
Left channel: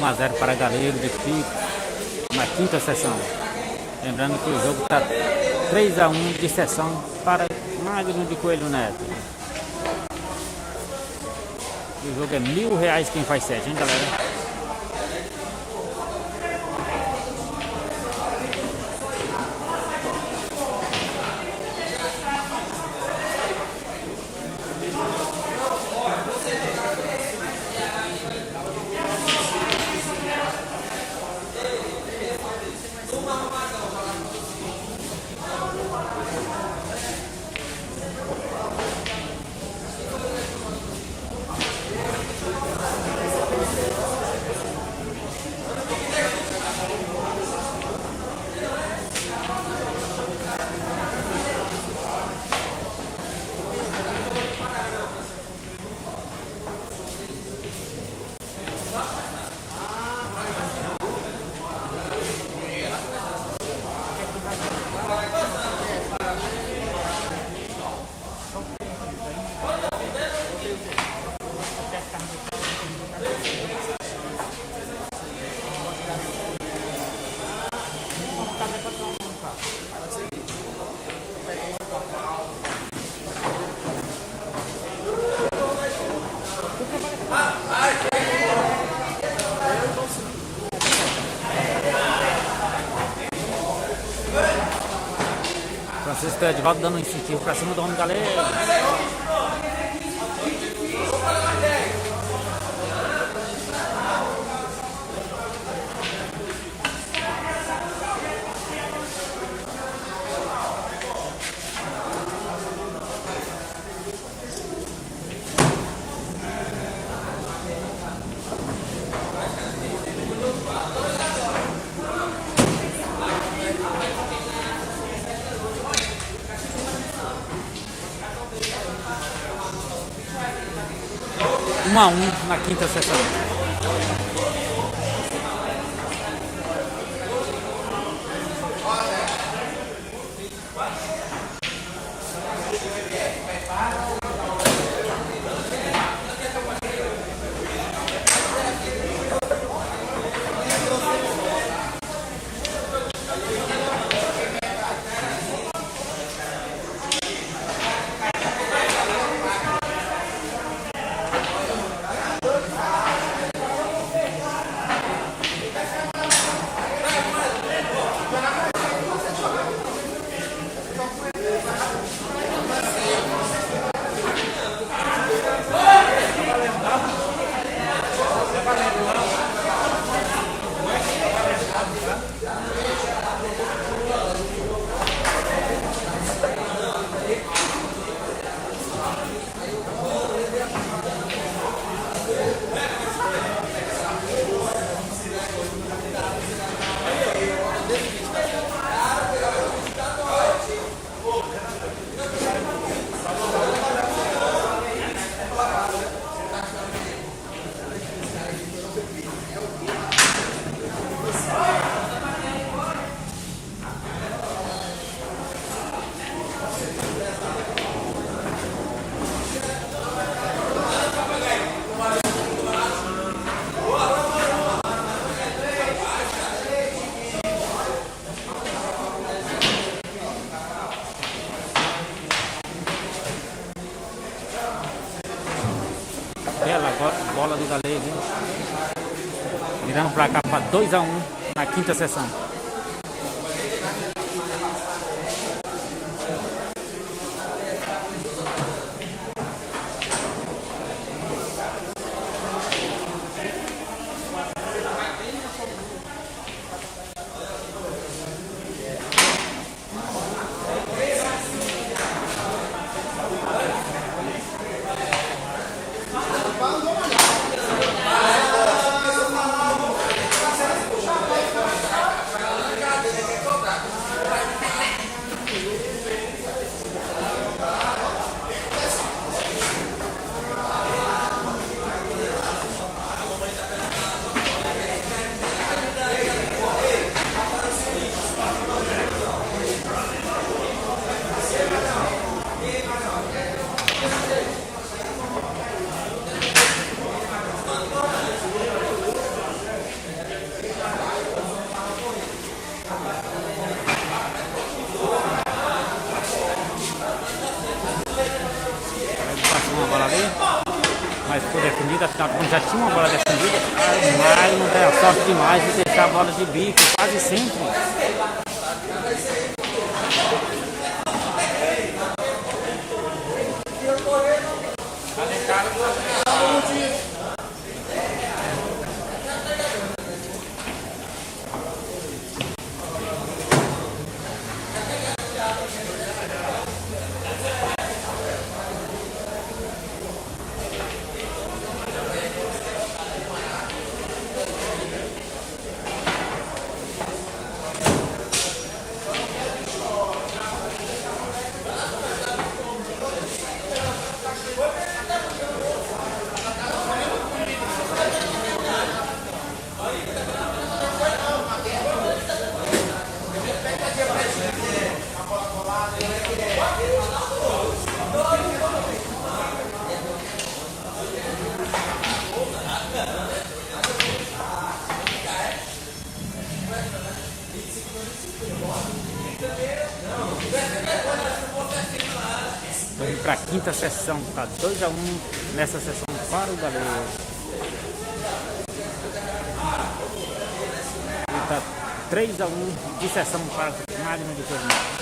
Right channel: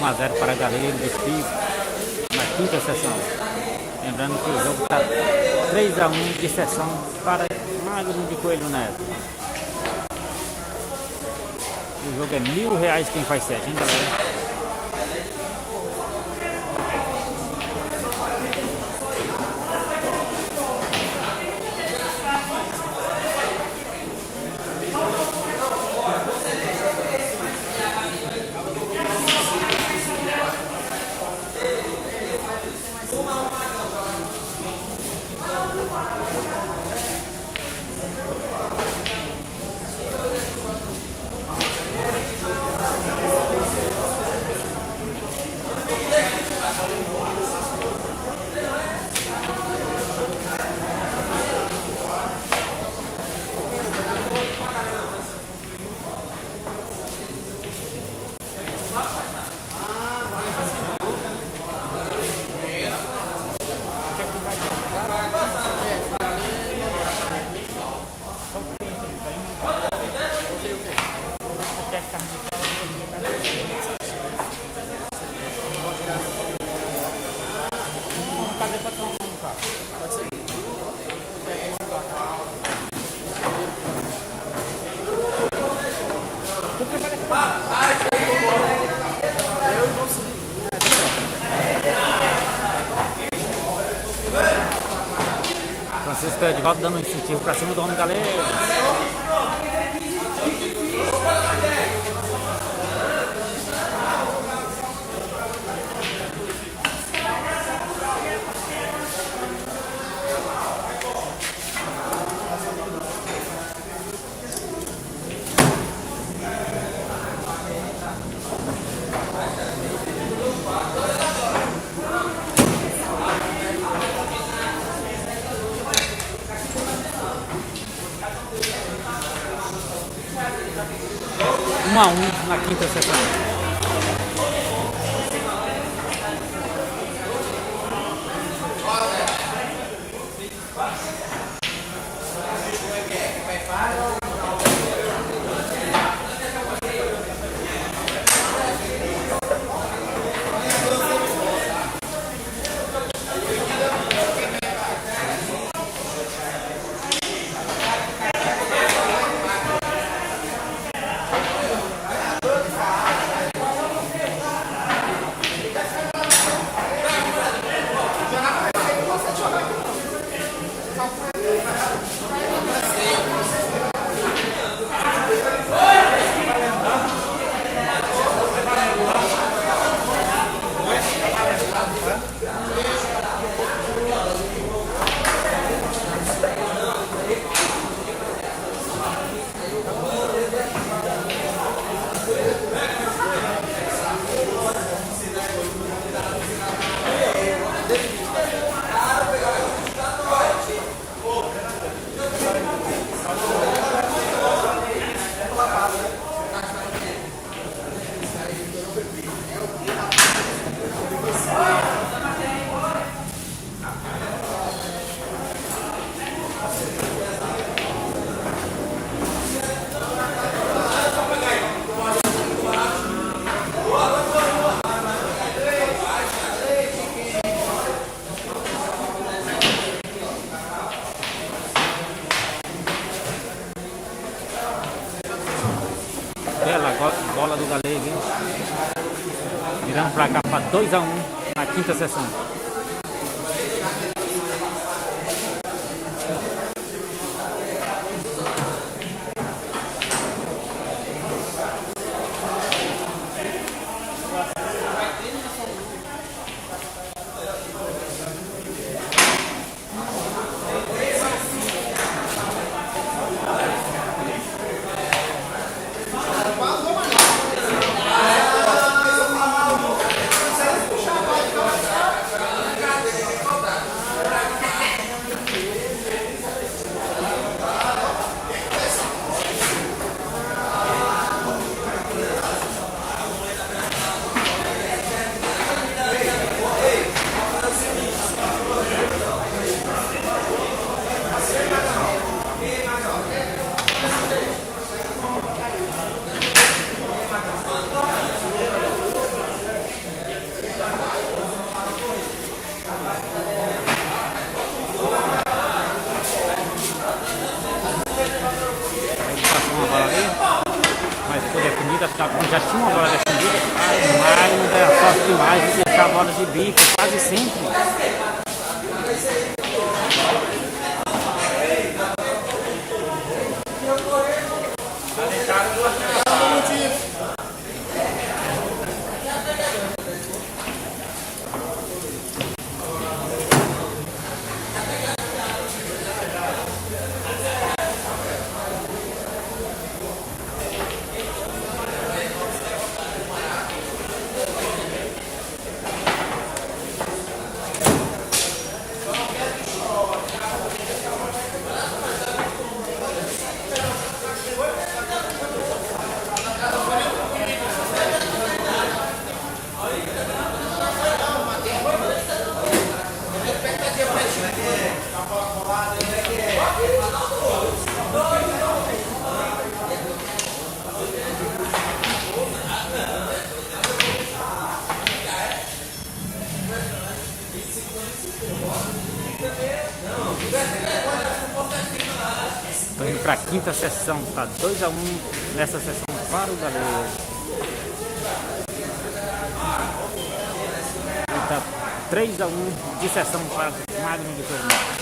A 0 para Galego de Picos na quinta sessão. Lembrando que o jogo está 3-1 de sessão para Magno de Coelho Neto. O jogo é R$1.000 quem faz 7, hein, galera? Francisco Edivaldo dando um incentivo pra cima do homem, galera. Um a um na quinta sessão. Bela bola do Galego, hein? Virando pra cá para 2 a 1 na quinta sessão. Passou uma bola ali, mas foi defendida, afinal já tinha uma bola defendida. Mas não deu a sorte demais de deixar a bola de bico, quase sempre. Estou indo para a quinta sessão, tá 2 a 1 nessa sessão para o Galego. E tá 3-1 de sessão para Magno de Coelho Neto.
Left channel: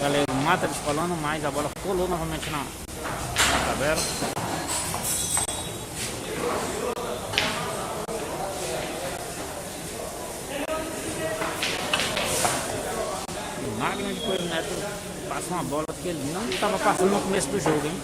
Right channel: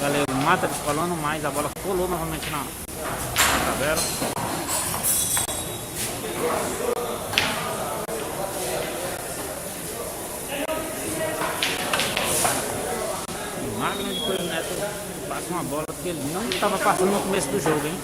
Galego mata descolando, mas a bola colou novamente na tabela. E Magno de Coelho Neto passa uma bola que ele não estava passando no começo do jogo, hein?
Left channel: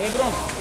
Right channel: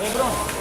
Ei, Bruno.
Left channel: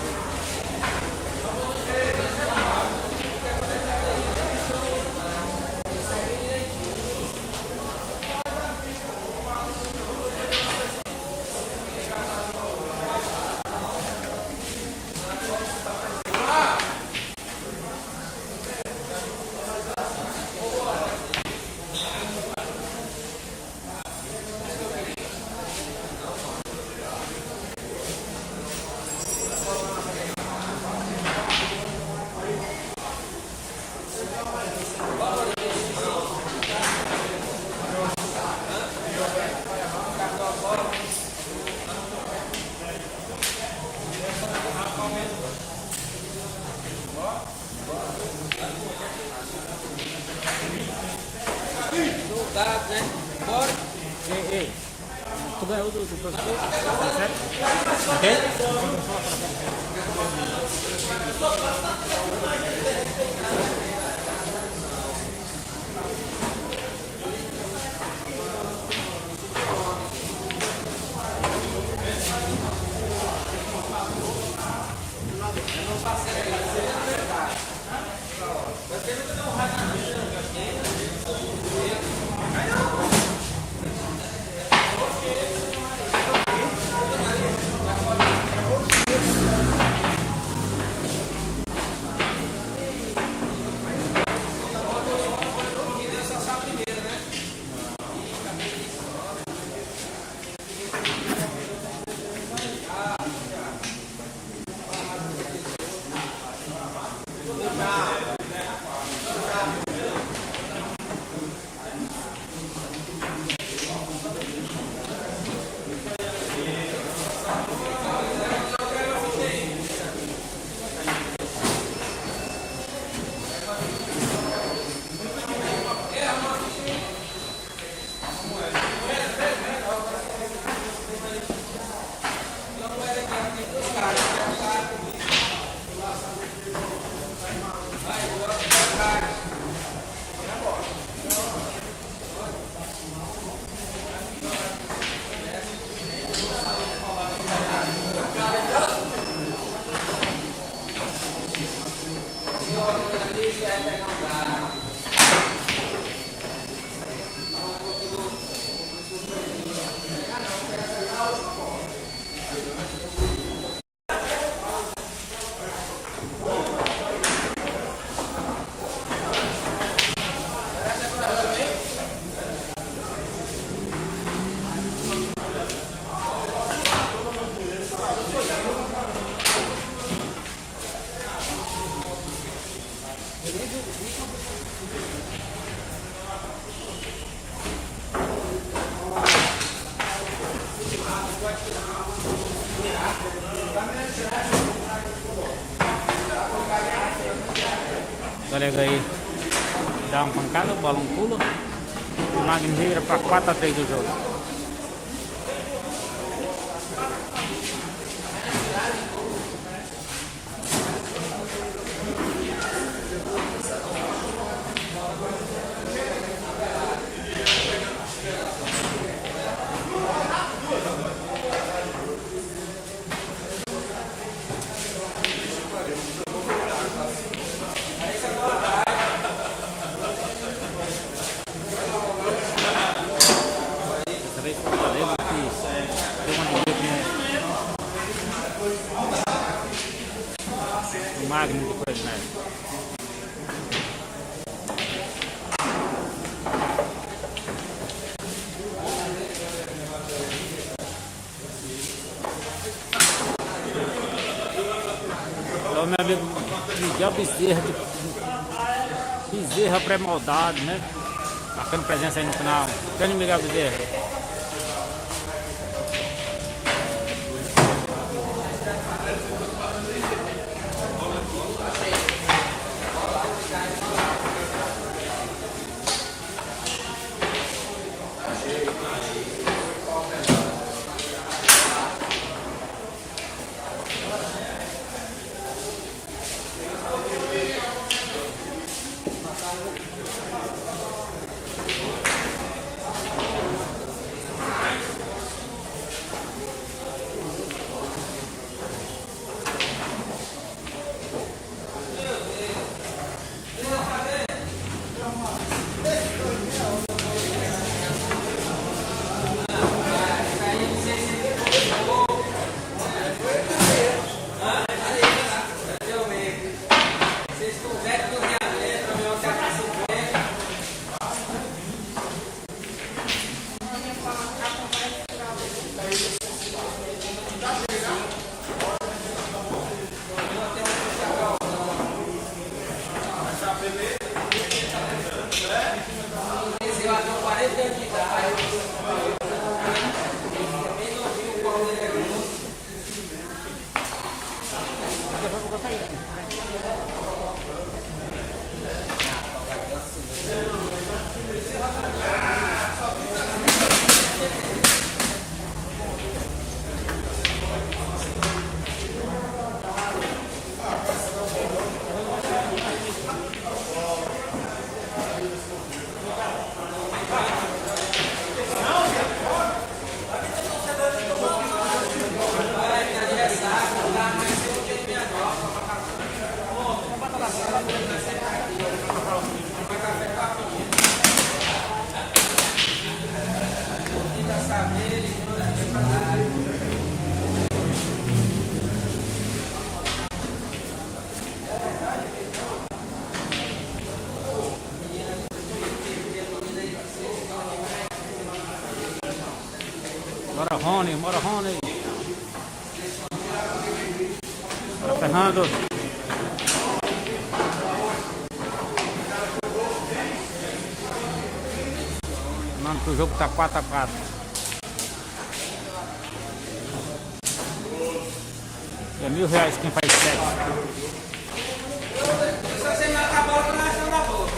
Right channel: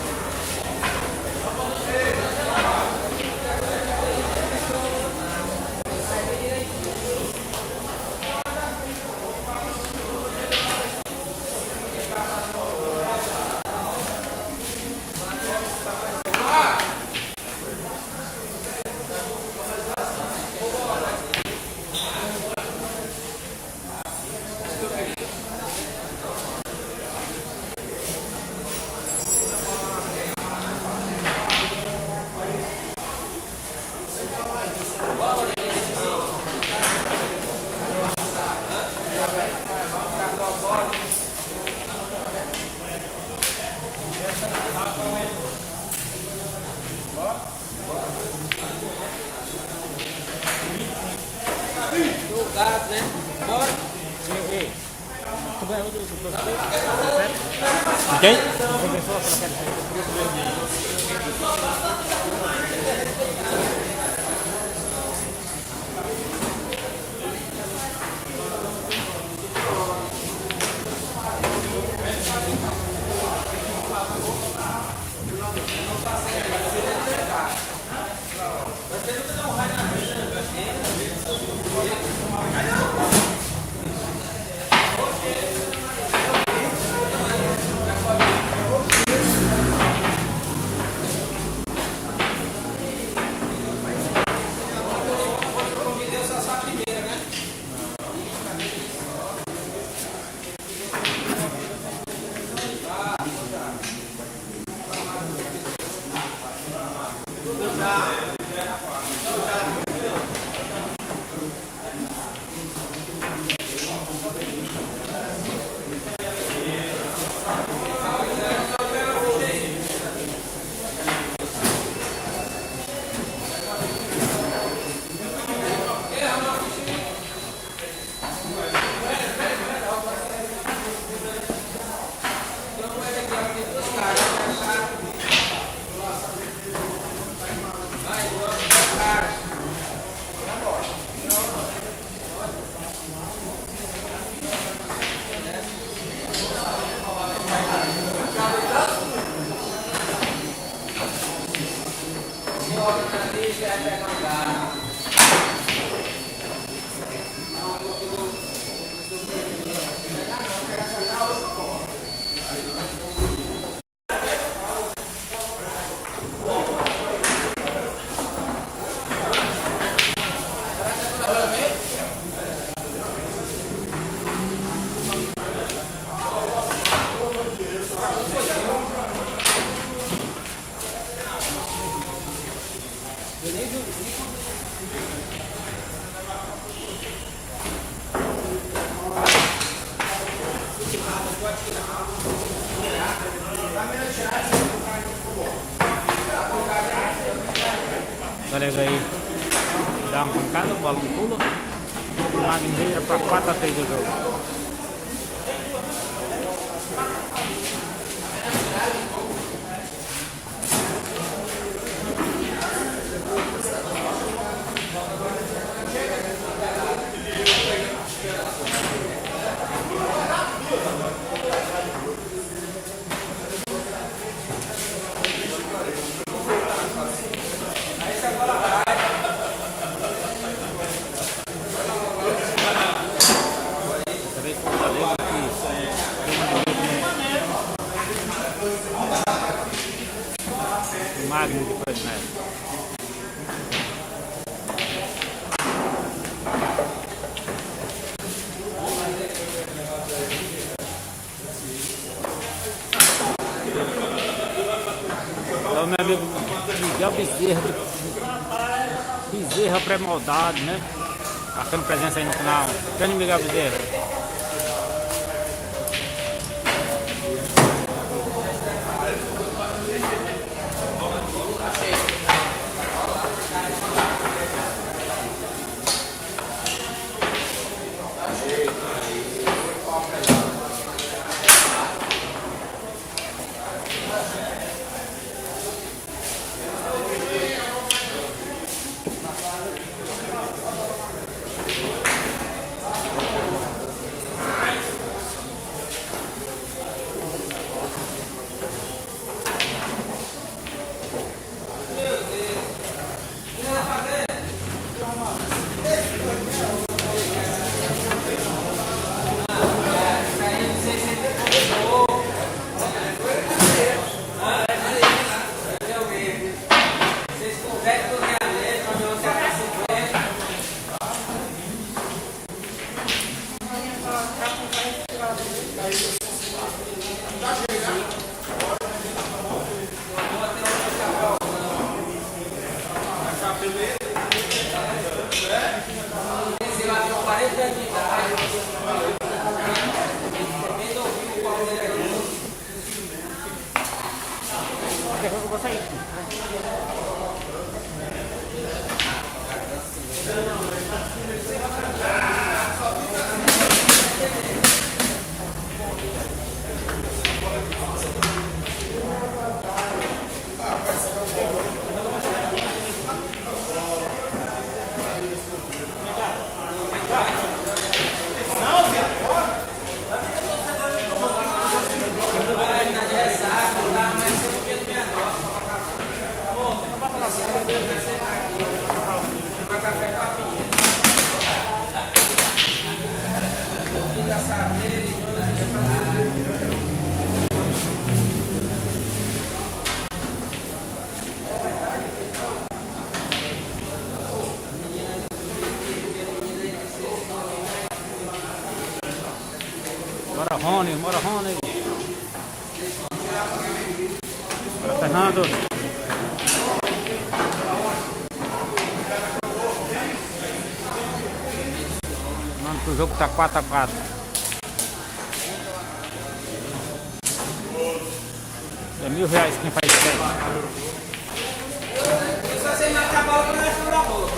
Tu ganhou do professor? Quem? Galego aí dá uma pancada, o balão pula. O Magno vira para 4-3 do jogo. Magno de Coelho Neto. Então, meu amigo Miguel Bezerra pré-moldado, né? Marcando presença aí no canal. Grande Miguel Bezerra. Bora Rony, bora Rony. Bora Fernando. Mano, que o jogo tá 4-4. É R$1.000 quem faz 7. Só você marca a bola para nós não dar bola.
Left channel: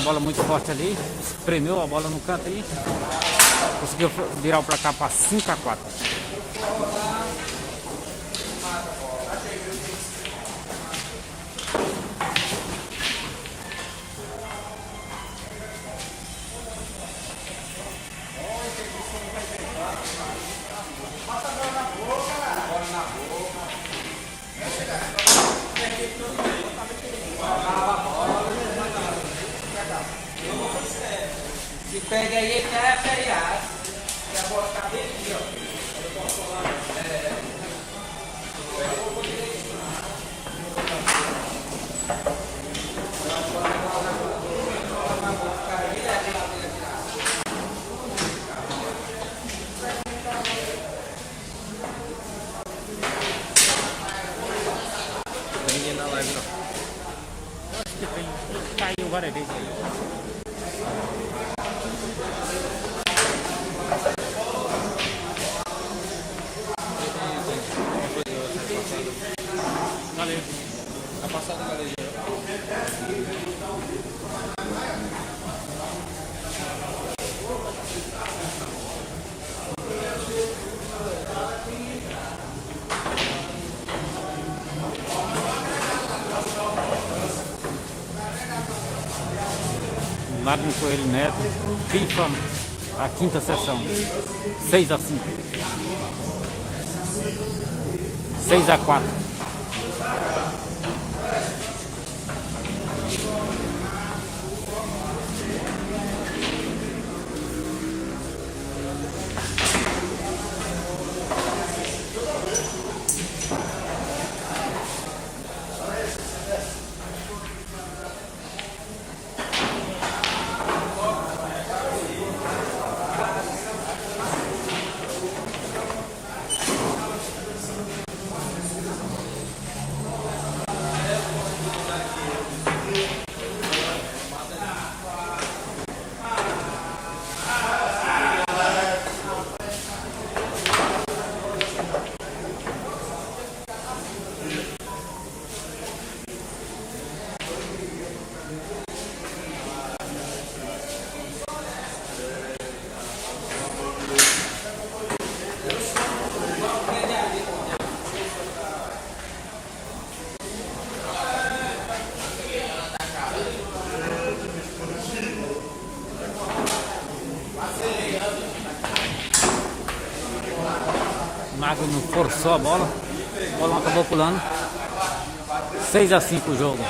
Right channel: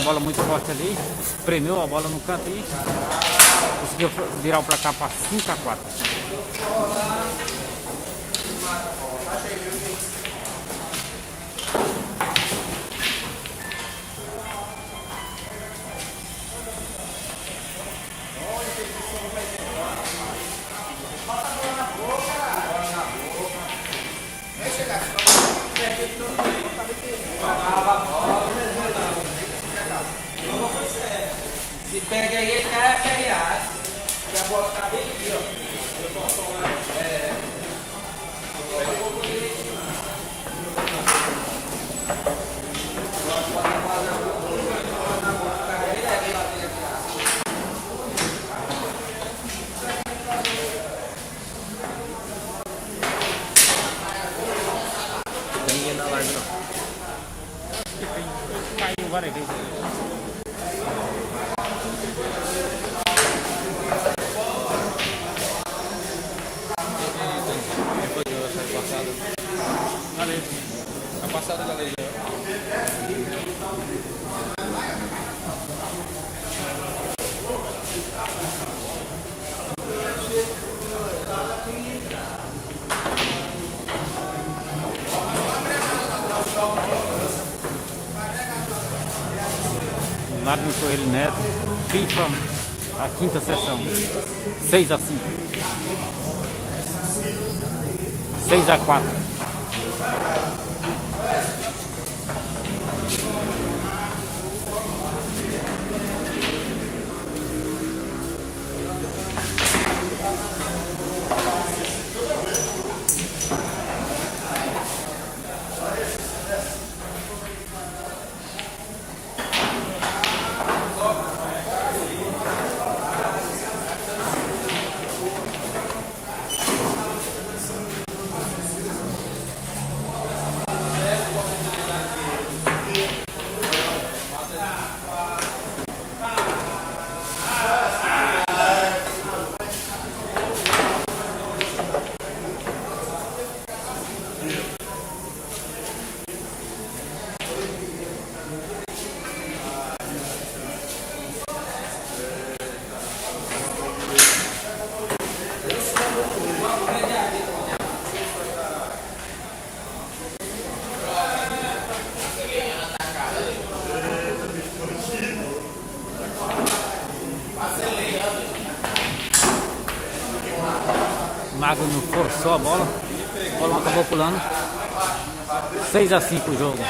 uma bola muito forte ali. Premeu a bola no canto aí. Conseguiu virar o placar para 5-4. Se perde aí, ele já é feriado. E a bola tá bem aqui, ó. Não tem ninguém na live não. Caiu várias vezes aí. Tá passada na lei. Magno Coelho Neto, FIFA, a quinta sessão. 6-5. 6-4. Magno forçou a bola acabou pulando. 6-5 o jogo.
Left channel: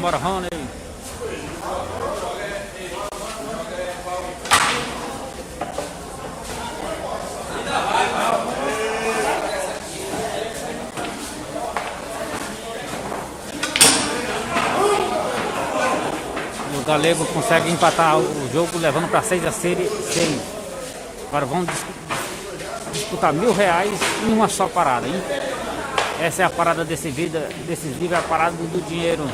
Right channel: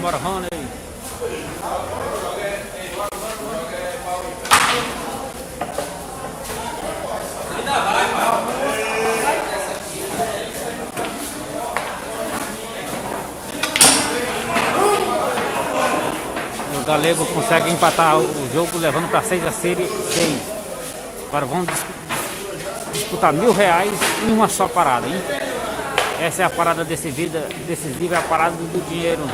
Bora, Rony. O Galego consegue empatar o jogo, levando para 6-6. Agora vamos disputar R$1.000 em uma só parada, hein? Essa é a parada decisiva, é a parada do dinheiro.